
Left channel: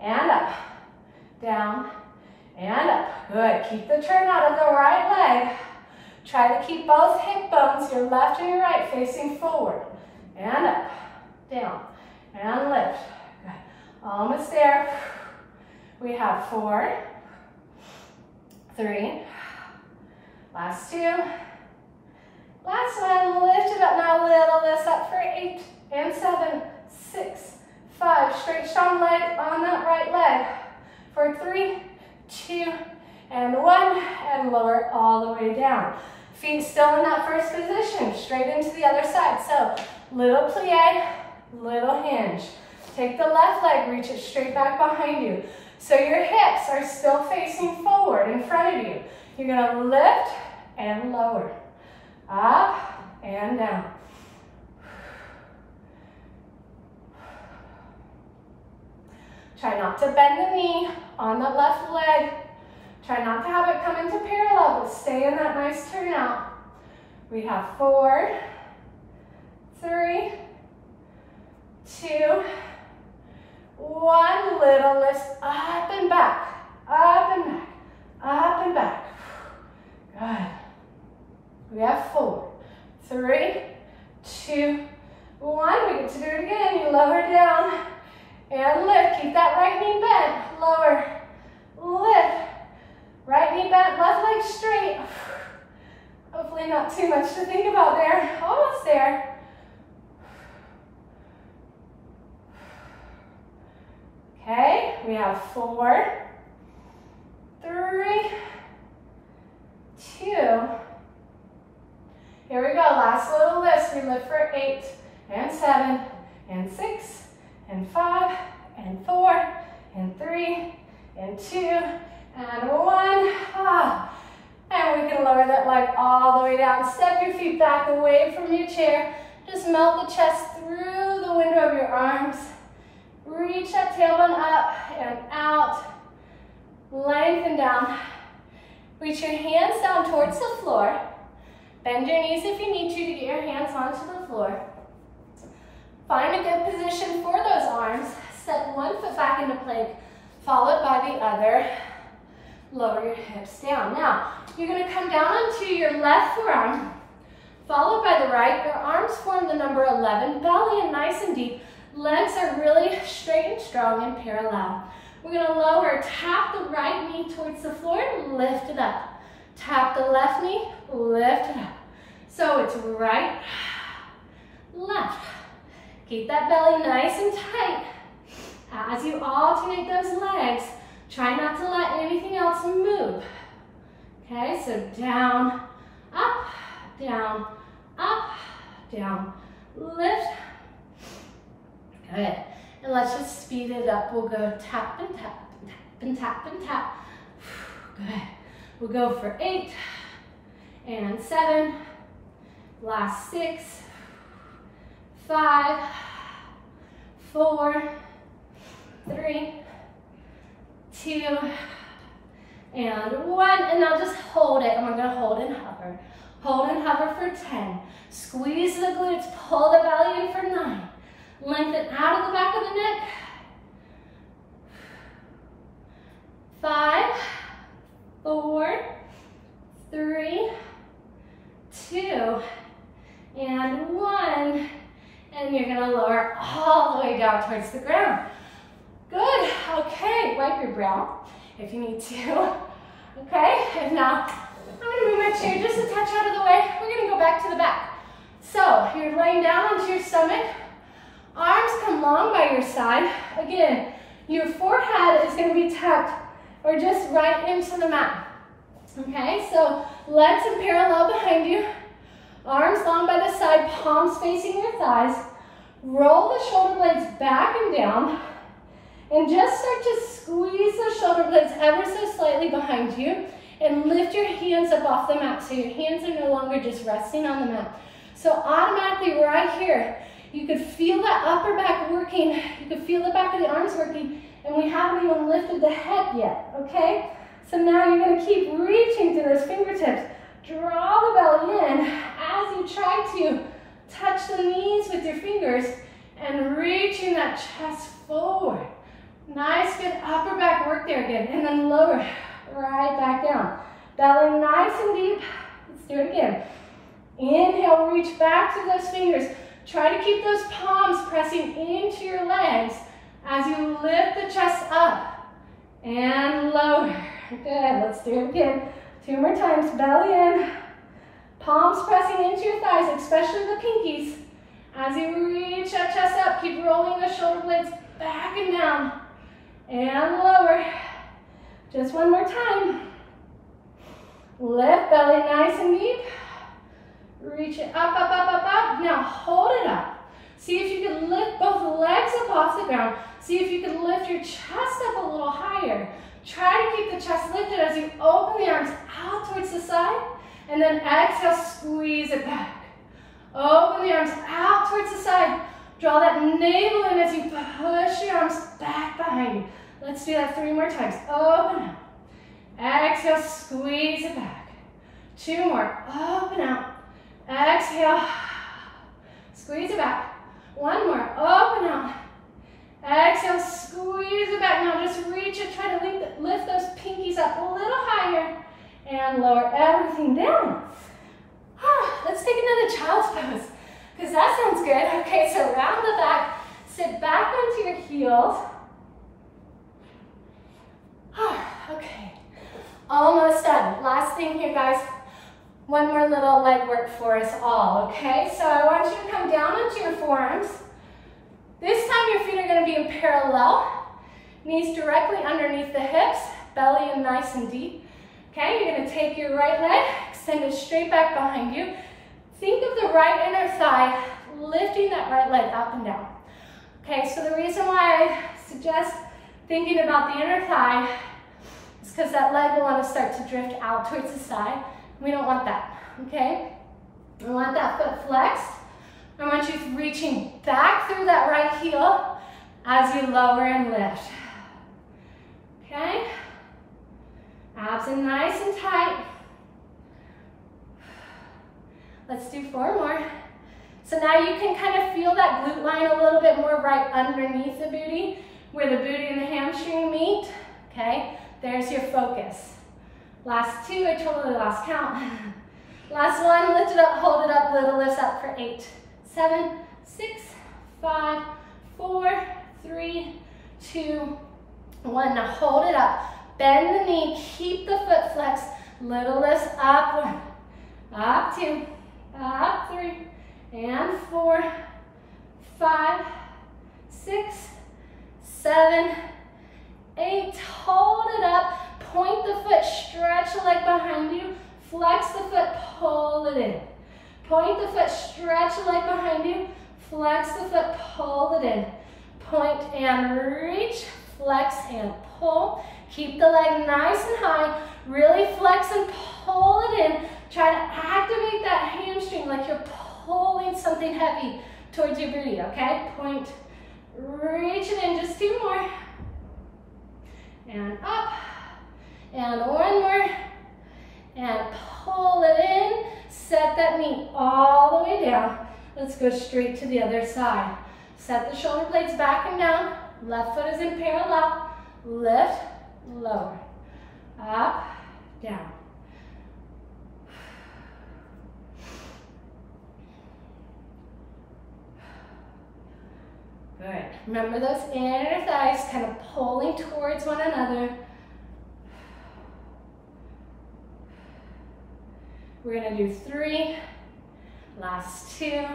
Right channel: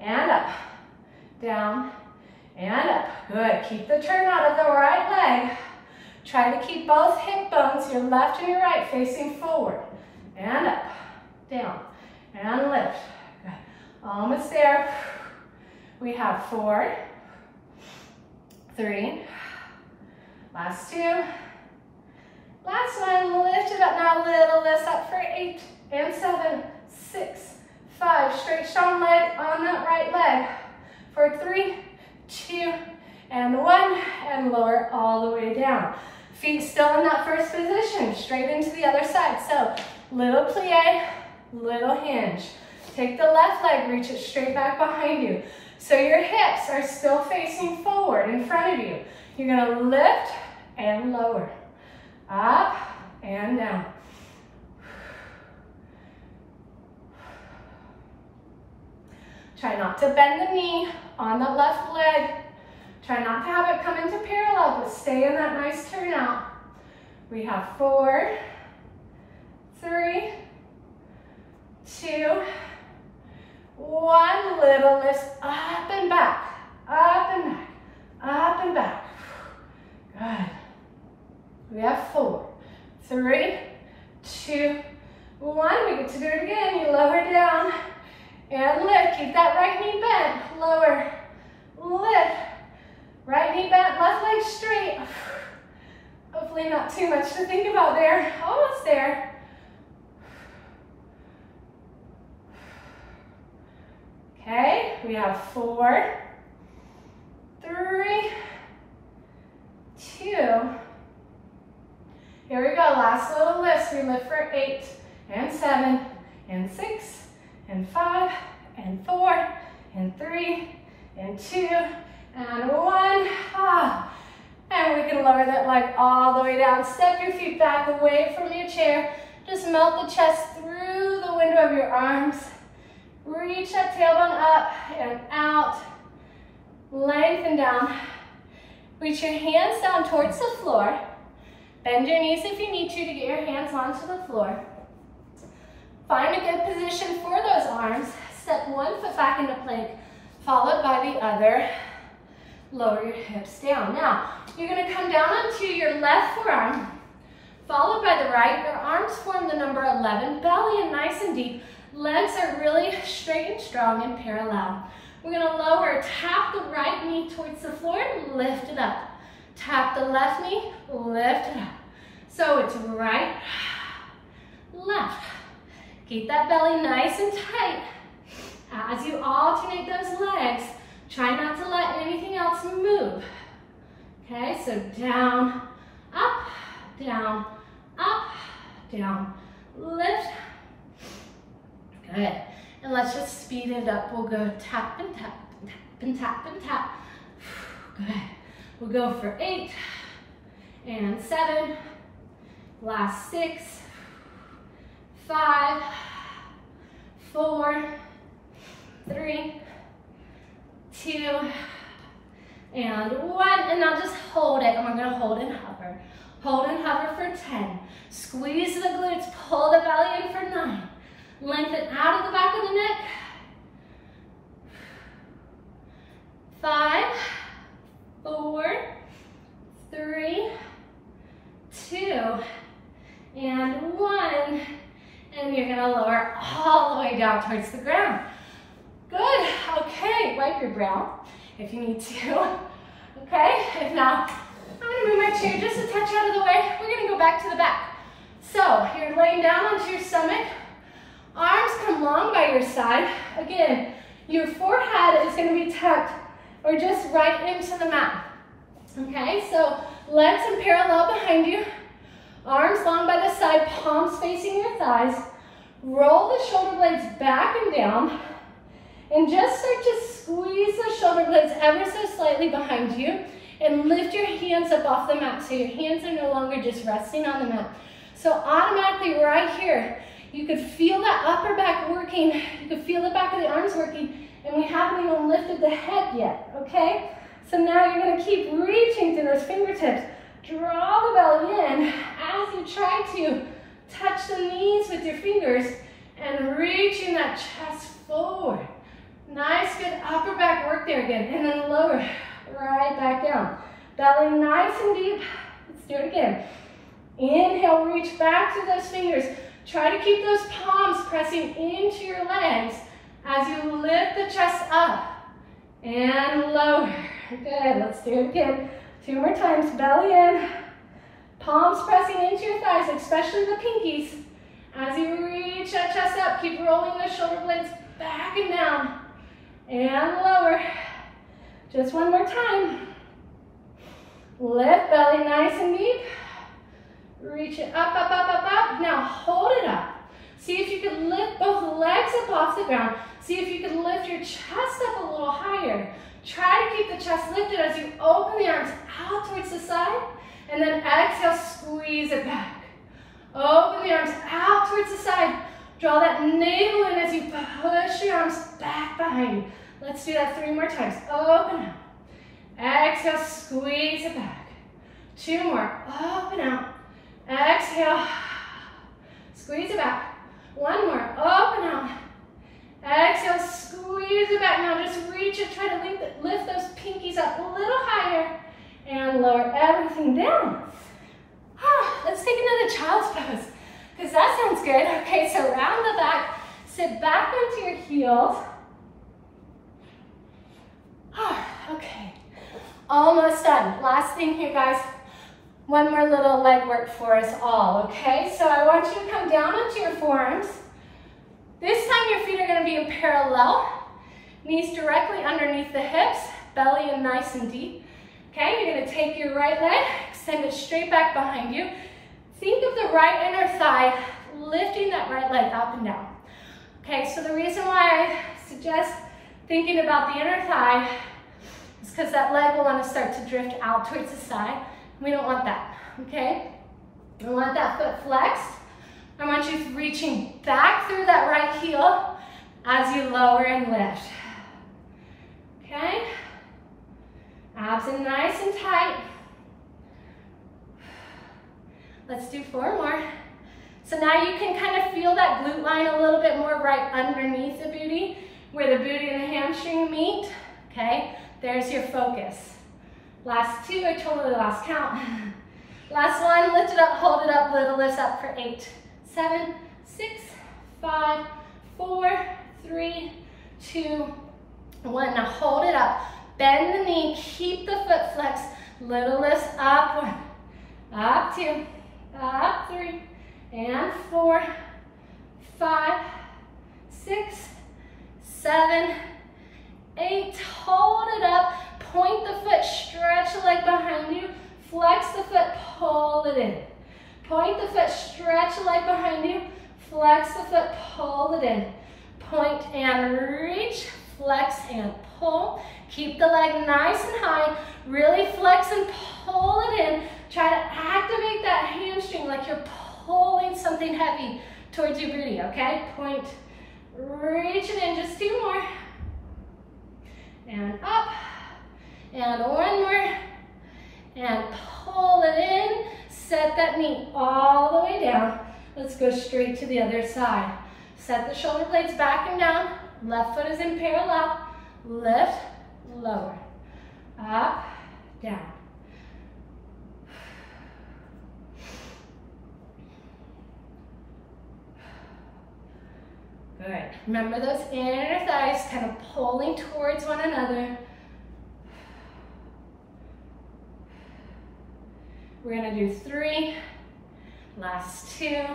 and up, down and up. Good. Keep the turn out of the right leg. Try to keep both hip bones, your left and your right, facing forward. And up, down, and lift. Good. Almost there. We have 4, 3, Last 2. Last one, lift it up now, little lift up for 8 and 7, 6, 5. Straight, strong leg on that right leg. For 3, 2, and 1, and lower all the way down. Feet still in that first position, straight into the other side. So, little plie, little hinge. Take the left leg, reach it straight back behind you. So your hips are still facing forward in front of you. You're gonna lift and lower. Up and down. Try not to bend the knee on the left leg. Try not to have it come into parallel, but stay in that nice turnout. We have 4, 3, 2, 1. Little lift up and back, up and back, up and back. Good. We have 4, 3, 2, 1. We get to do it again. You lower down and lift. Keep that right knee bent. Lower, lift. Right knee bent, left leg straight. Hopefully not too much to think about there. Almost there. Okay, we have 4, 3, 2. Here we go, last little lift. We lift for 8 and 7 and 6 and 5 and 4 and 3 and 2 and 1. And we can lower that leg all the way down. Step your feet back away from your chair. Just melt the chest through the window of your arms. Reach that tailbone up and out. Lengthen down. Reach your hands down towards the floor. Bend your knees if you need to get your hands onto the floor. Find a good position for those arms. Step one foot back into plank, followed by the other. Lower your hips down. Now, you're going to come down onto your left forearm, followed by the right. Your arms form the number 11. Belly in nice and deep. Legs are really straight and strong and parallel. We're going to lower, tap the right knee towards the floor, lift it up. Tap the left knee, lift it up. So it's right, left. Keep that belly nice and tight. As you alternate those legs, try not to let anything else move. Okay, so down, up, down, up, down, lift. Good. And let's just speed it up. We'll go tap and tap and tap and tap and tap. Good. We'll go for 8 and 7. Last 6, 5, 4, 3, 2, and 1. And now just hold it. And we're going to hold and hover. Hold and hover for 10. Squeeze the glutes. Pull the belly in for 9. Lengthen out of the back of the neck. 5, 4, 3, 2, and 1. And you're gonna lower all the way down towards the ground. Good, okay, wipe your brow if you need to. Okay, and now I'm gonna move my chair just a touch out of the way. We're gonna go back to the back. So you're laying down onto your stomach. Arms come long by your side. Again, your forehead is gonna be tucked or just right into the mat. Okay, so legs in parallel behind you. Arms long by the side, palms facing your thighs. Roll the shoulder blades back and down. And just start to squeeze the shoulder blades ever so slightly behind you. And lift your hands up off the mat so your hands are no longer just resting on the mat. So automatically right here, you could feel that upper back working. You could feel the back of the arms working. And we haven't even lifted the head yet, okay? So now you're gonna keep reaching through those fingertips. Draw the belly in as you try to touch the knees with your fingers and reaching that chest forward. Nice, good upper back work there again. And then lower, right back down. Belly nice and deep. Let's do it again. Inhale, reach back to those fingers. Try to keep those palms pressing into your legs as you lift the chest up and lower. Good, let's do it again. 2 more times, belly in. Palms pressing into your thighs, especially the pinkies. As you reach that chest up, keep rolling the shoulder blades back and down. And lower. Just 1 more time. Lift belly nice and deep. Reach it up, up, up, up, up. Now hold it up. See if you can lift both legs up off the ground. See if you can lift your chest up a little higher. Try to keep the chest lifted as you open the arms out towards the side. And then exhale, squeeze it back. Open the arms out towards the side. Draw that navel in as you push the arms back behind you. Let's do that 3 more times. Open out. Exhale, squeeze it back. 2 more. Open out. Exhale. Squeeze it back. 1 more. Open out. Exhale, squeeze it back. Now just reach it. Try to lift those pinkies up a little higher. And lower everything down. Let's take another child's pose, because that sounds good. Okay, so round the back. Sit back onto your heels. Okay, almost done. Last thing here, guys. 1 more little leg work for us all, okay? So I want you to come down onto your forearms. This time your feet are going to be in parallel. Knees directly underneath the hips, belly in nice and deep. Okay, you're going to take your right leg, extend it straight back behind you. Think of the right inner thigh, lifting that right leg up and down. Okay, so the reason why I suggest thinking about the inner thigh is because that leg will want to start to drift out towards the side. We don't want that, okay? We want that foot flexed. I want you reaching back through that right heel as you lower and lift. Okay? Abs in nice and tight. Let's do 4 more. So now you can kind of feel that glute line a little bit more right underneath the booty, where the booty and the hamstring meet. Okay, there's your focus. Last 2, I totally lost count. Last 1, lift it up, hold it up, little lifts up for 8, 7, 6, 5, 4, 3, 2, 1. Now hold it up. Bend the knee, keep the foot flexed, little lifts up 1, up 2, up 3, and 4, 5, 6, 7, 8. Hold it up, point the foot, stretch the leg behind you, flex the foot, pull it in. Point the foot, stretch the leg behind you, flex the foot, pull it in. Point and reach, flex and pull. Keep the leg nice and high, really flex and pull it in. Try to activate that hamstring like you're pulling something heavy towards your booty, okay? Point, reach it in, just 2 more. And up, and 1 more. And pull it in, set that knee all the way down. Let's go straight to the other side. Set the shoulder blades back and down. Left foot is in parallel. Lift, lower, up, down. Good. Remember those inner thighs kind of pulling towards one another. We're going to do 3, last 2,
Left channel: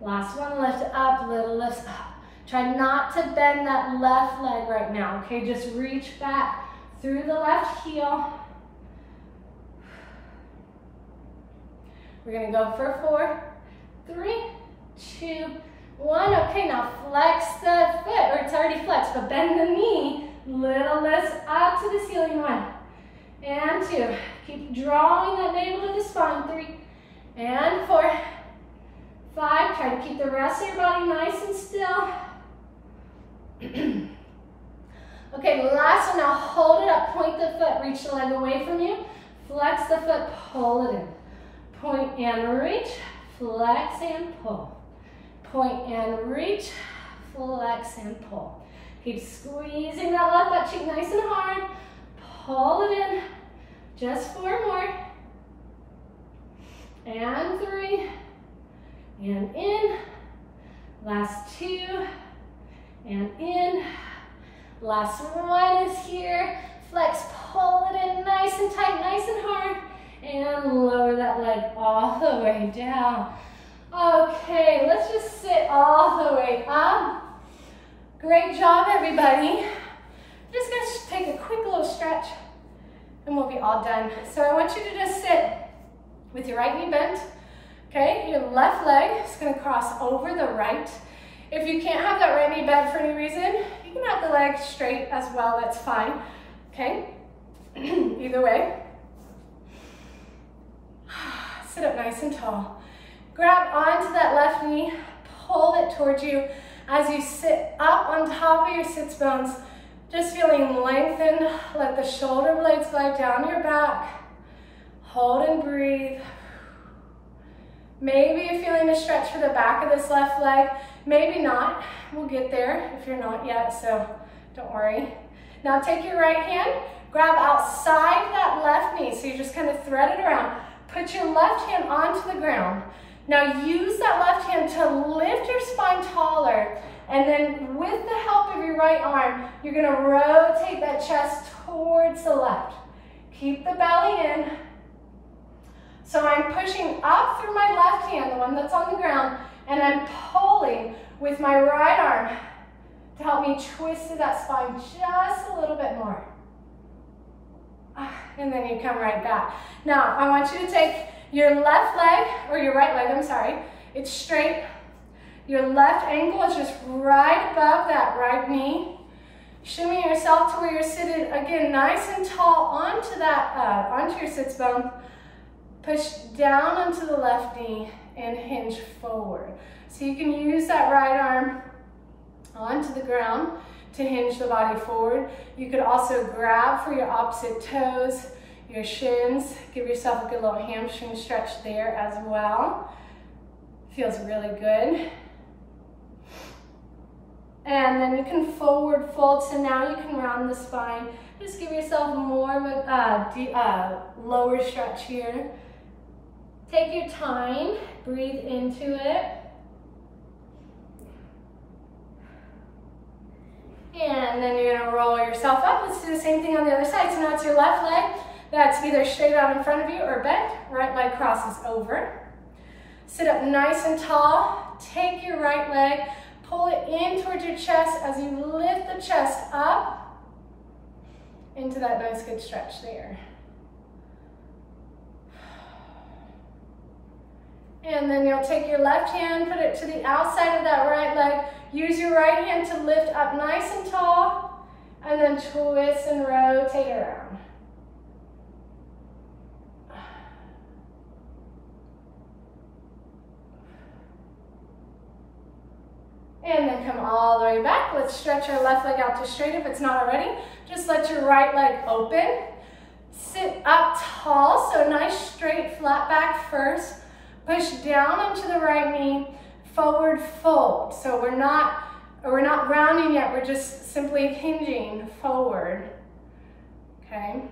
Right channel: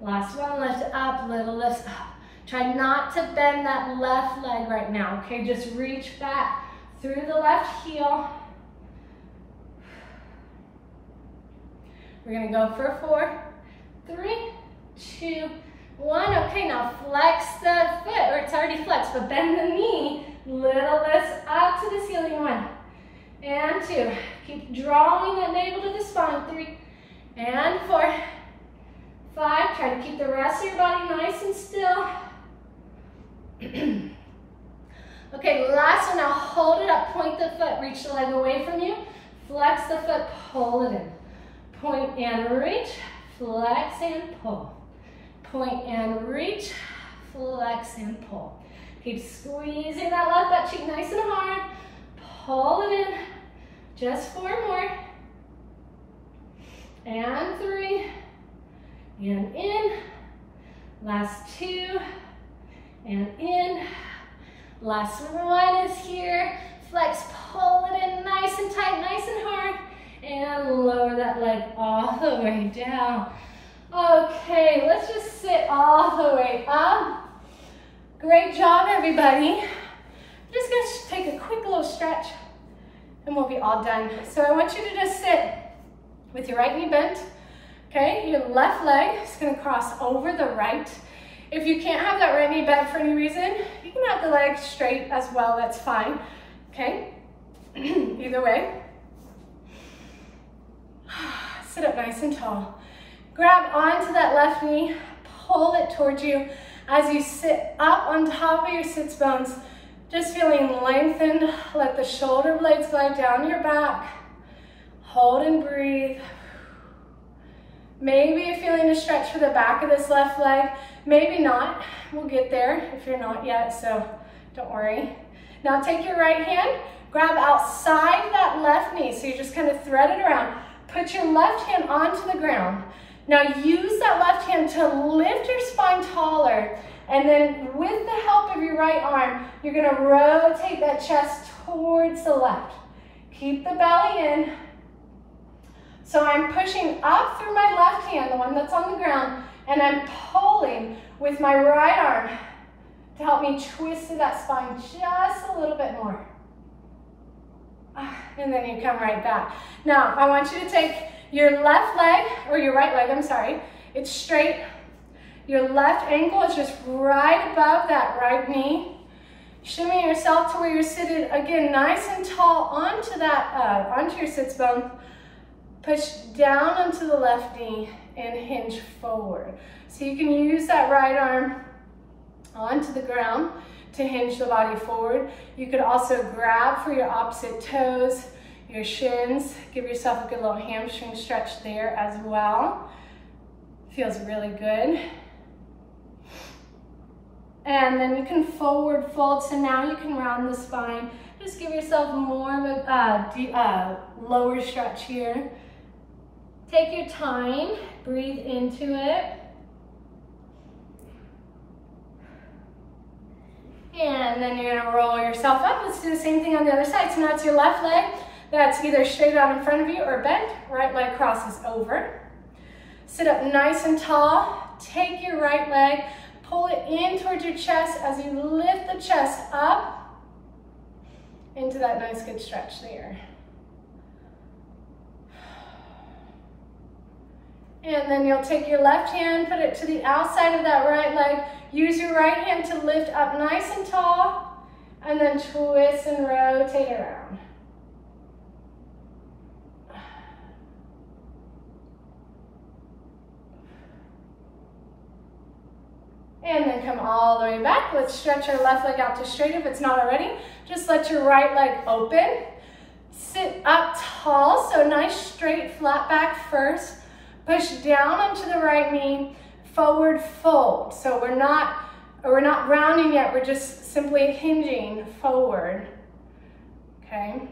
last 1, lift up, little lifts up. Try not to bend that left leg right now, okay? Just reach back through the left heel. We're going to go for 4, 3, 2, 1. Okay, now flex the foot, or it's already flexed, but bend the knee. Little lifts up to the ceiling. 1 and 2. Keep drawing that navel to the spine. 3 and 4, 5. Try to keep the rest of your body nice and still. Okay, last one. Now hold it up, point the foot, reach the leg away from you, flex the foot, pull it in. Point and reach, flex and pull. Point and reach, flex and pull. Keep squeezing that left butt cheek nice and hard. Pull it in. Just 4 more. And 3. And in. Last 2. And in. Last 1 is here. Flex, pull it in nice and tight, nice and hard. And lower that leg all the way down. Okay, let's just sit all the way up. Great job, everybody. Just gonna take a quick little stretch and we'll be all done. So I want you to just sit with your right knee bent. Okay, your left leg is gonna cross over the right. If you can't have that right knee bent for any reason, you can have the leg straight as well, that's fine. Okay, either way. Sit up nice and tall. Grab onto that left knee, pull it towards you as you sit up on top of your sits bones, just feeling lengthened. Let the shoulder blades glide down your back. Hold and breathe. Maybe you're feeling a stretch for the back of this left leg. Maybe not. We'll get there if you're not yet, so don't worry. Now take your right hand, grab outside that left knee. So you just kind of thread it around. Put your left hand onto the ground. Now use that left hand to lift your spine taller, and then with the help of your right arm, you're gonna rotate that chest towards the left. Keep the belly in. So I'm pushing up through my left hand, the one that's on the ground, and I'm pulling with my right arm to help me twist through that spine just a little bit more. And then you come right back. Now, I want you to take your left leg, or your right leg, I'm sorry. It's straight. Your left ankle is just right above that right knee. Shimmy yourself to where you're seated, again, nice and tall onto that, onto your sits bone. Push down onto the left knee and hinge forward. So you can use that right arm onto the ground to hinge the body forward. You could also grab for your opposite toes, your shins. Give yourself a good little hamstring stretch there as well. Feels really good. And then you can forward fold. So now you can round the spine. Just give yourself more of a lower stretch here. Take your time, breathe into it. And then you're gonna roll yourself up. Let's do the same thing on the other side. So now it's your left leg that's either straight out in front of you or bent. Right leg crosses over. Sit up nice and tall. Take your right leg, pull it in towards your chest as you lift the chest up into that nice good stretch there. And then you'll take your left hand, put it to the outside of that right leg. Use your right hand to lift up nice and tall, and then twist and rotate around. And then come all the way back. Let's stretch our left leg out to straight if it's not already. Just let your right leg open. Sit up tall, so nice straight flat back first. Push down onto the right knee, forward fold. So we're not rounding yet, we're just simply hinging forward, okay?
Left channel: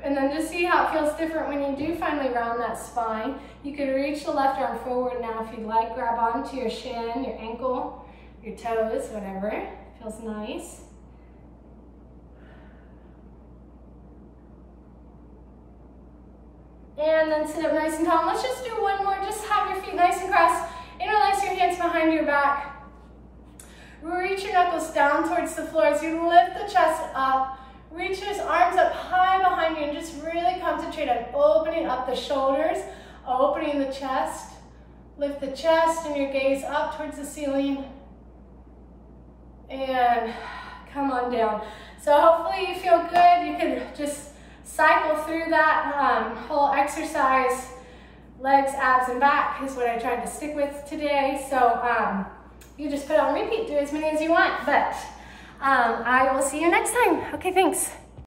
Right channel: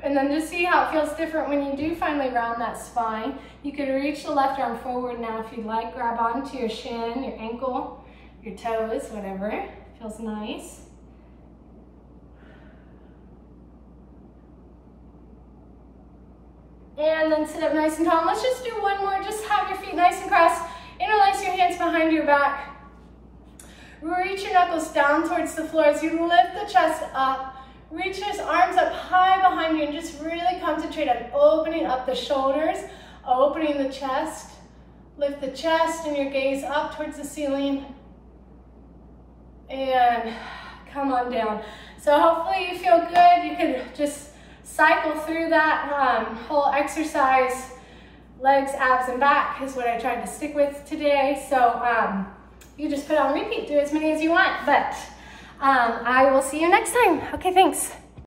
And then just see how it feels different when you do finally round that spine. You could reach the left arm forward now if you'd like. Grab onto your shin, your ankle, your toes, whatever. Feels nice. And then sit up nice and tall. Let's just do one more. Just have your feet nice and crossed. Interlace your hands behind your back. Reach your knuckles down towards the floor as you lift the chest up. Reach those arms up high behind you and just really concentrate on opening up the shoulders, opening the chest. Lift the chest and your gaze up towards the ceiling. And come on down. So hopefully you feel good. You could just cycle through that whole exercise. Legs, abs, and back is what I tried to stick with today. So you just put on repeat, do as many as you want, but I will see you next time. Okay, thanks.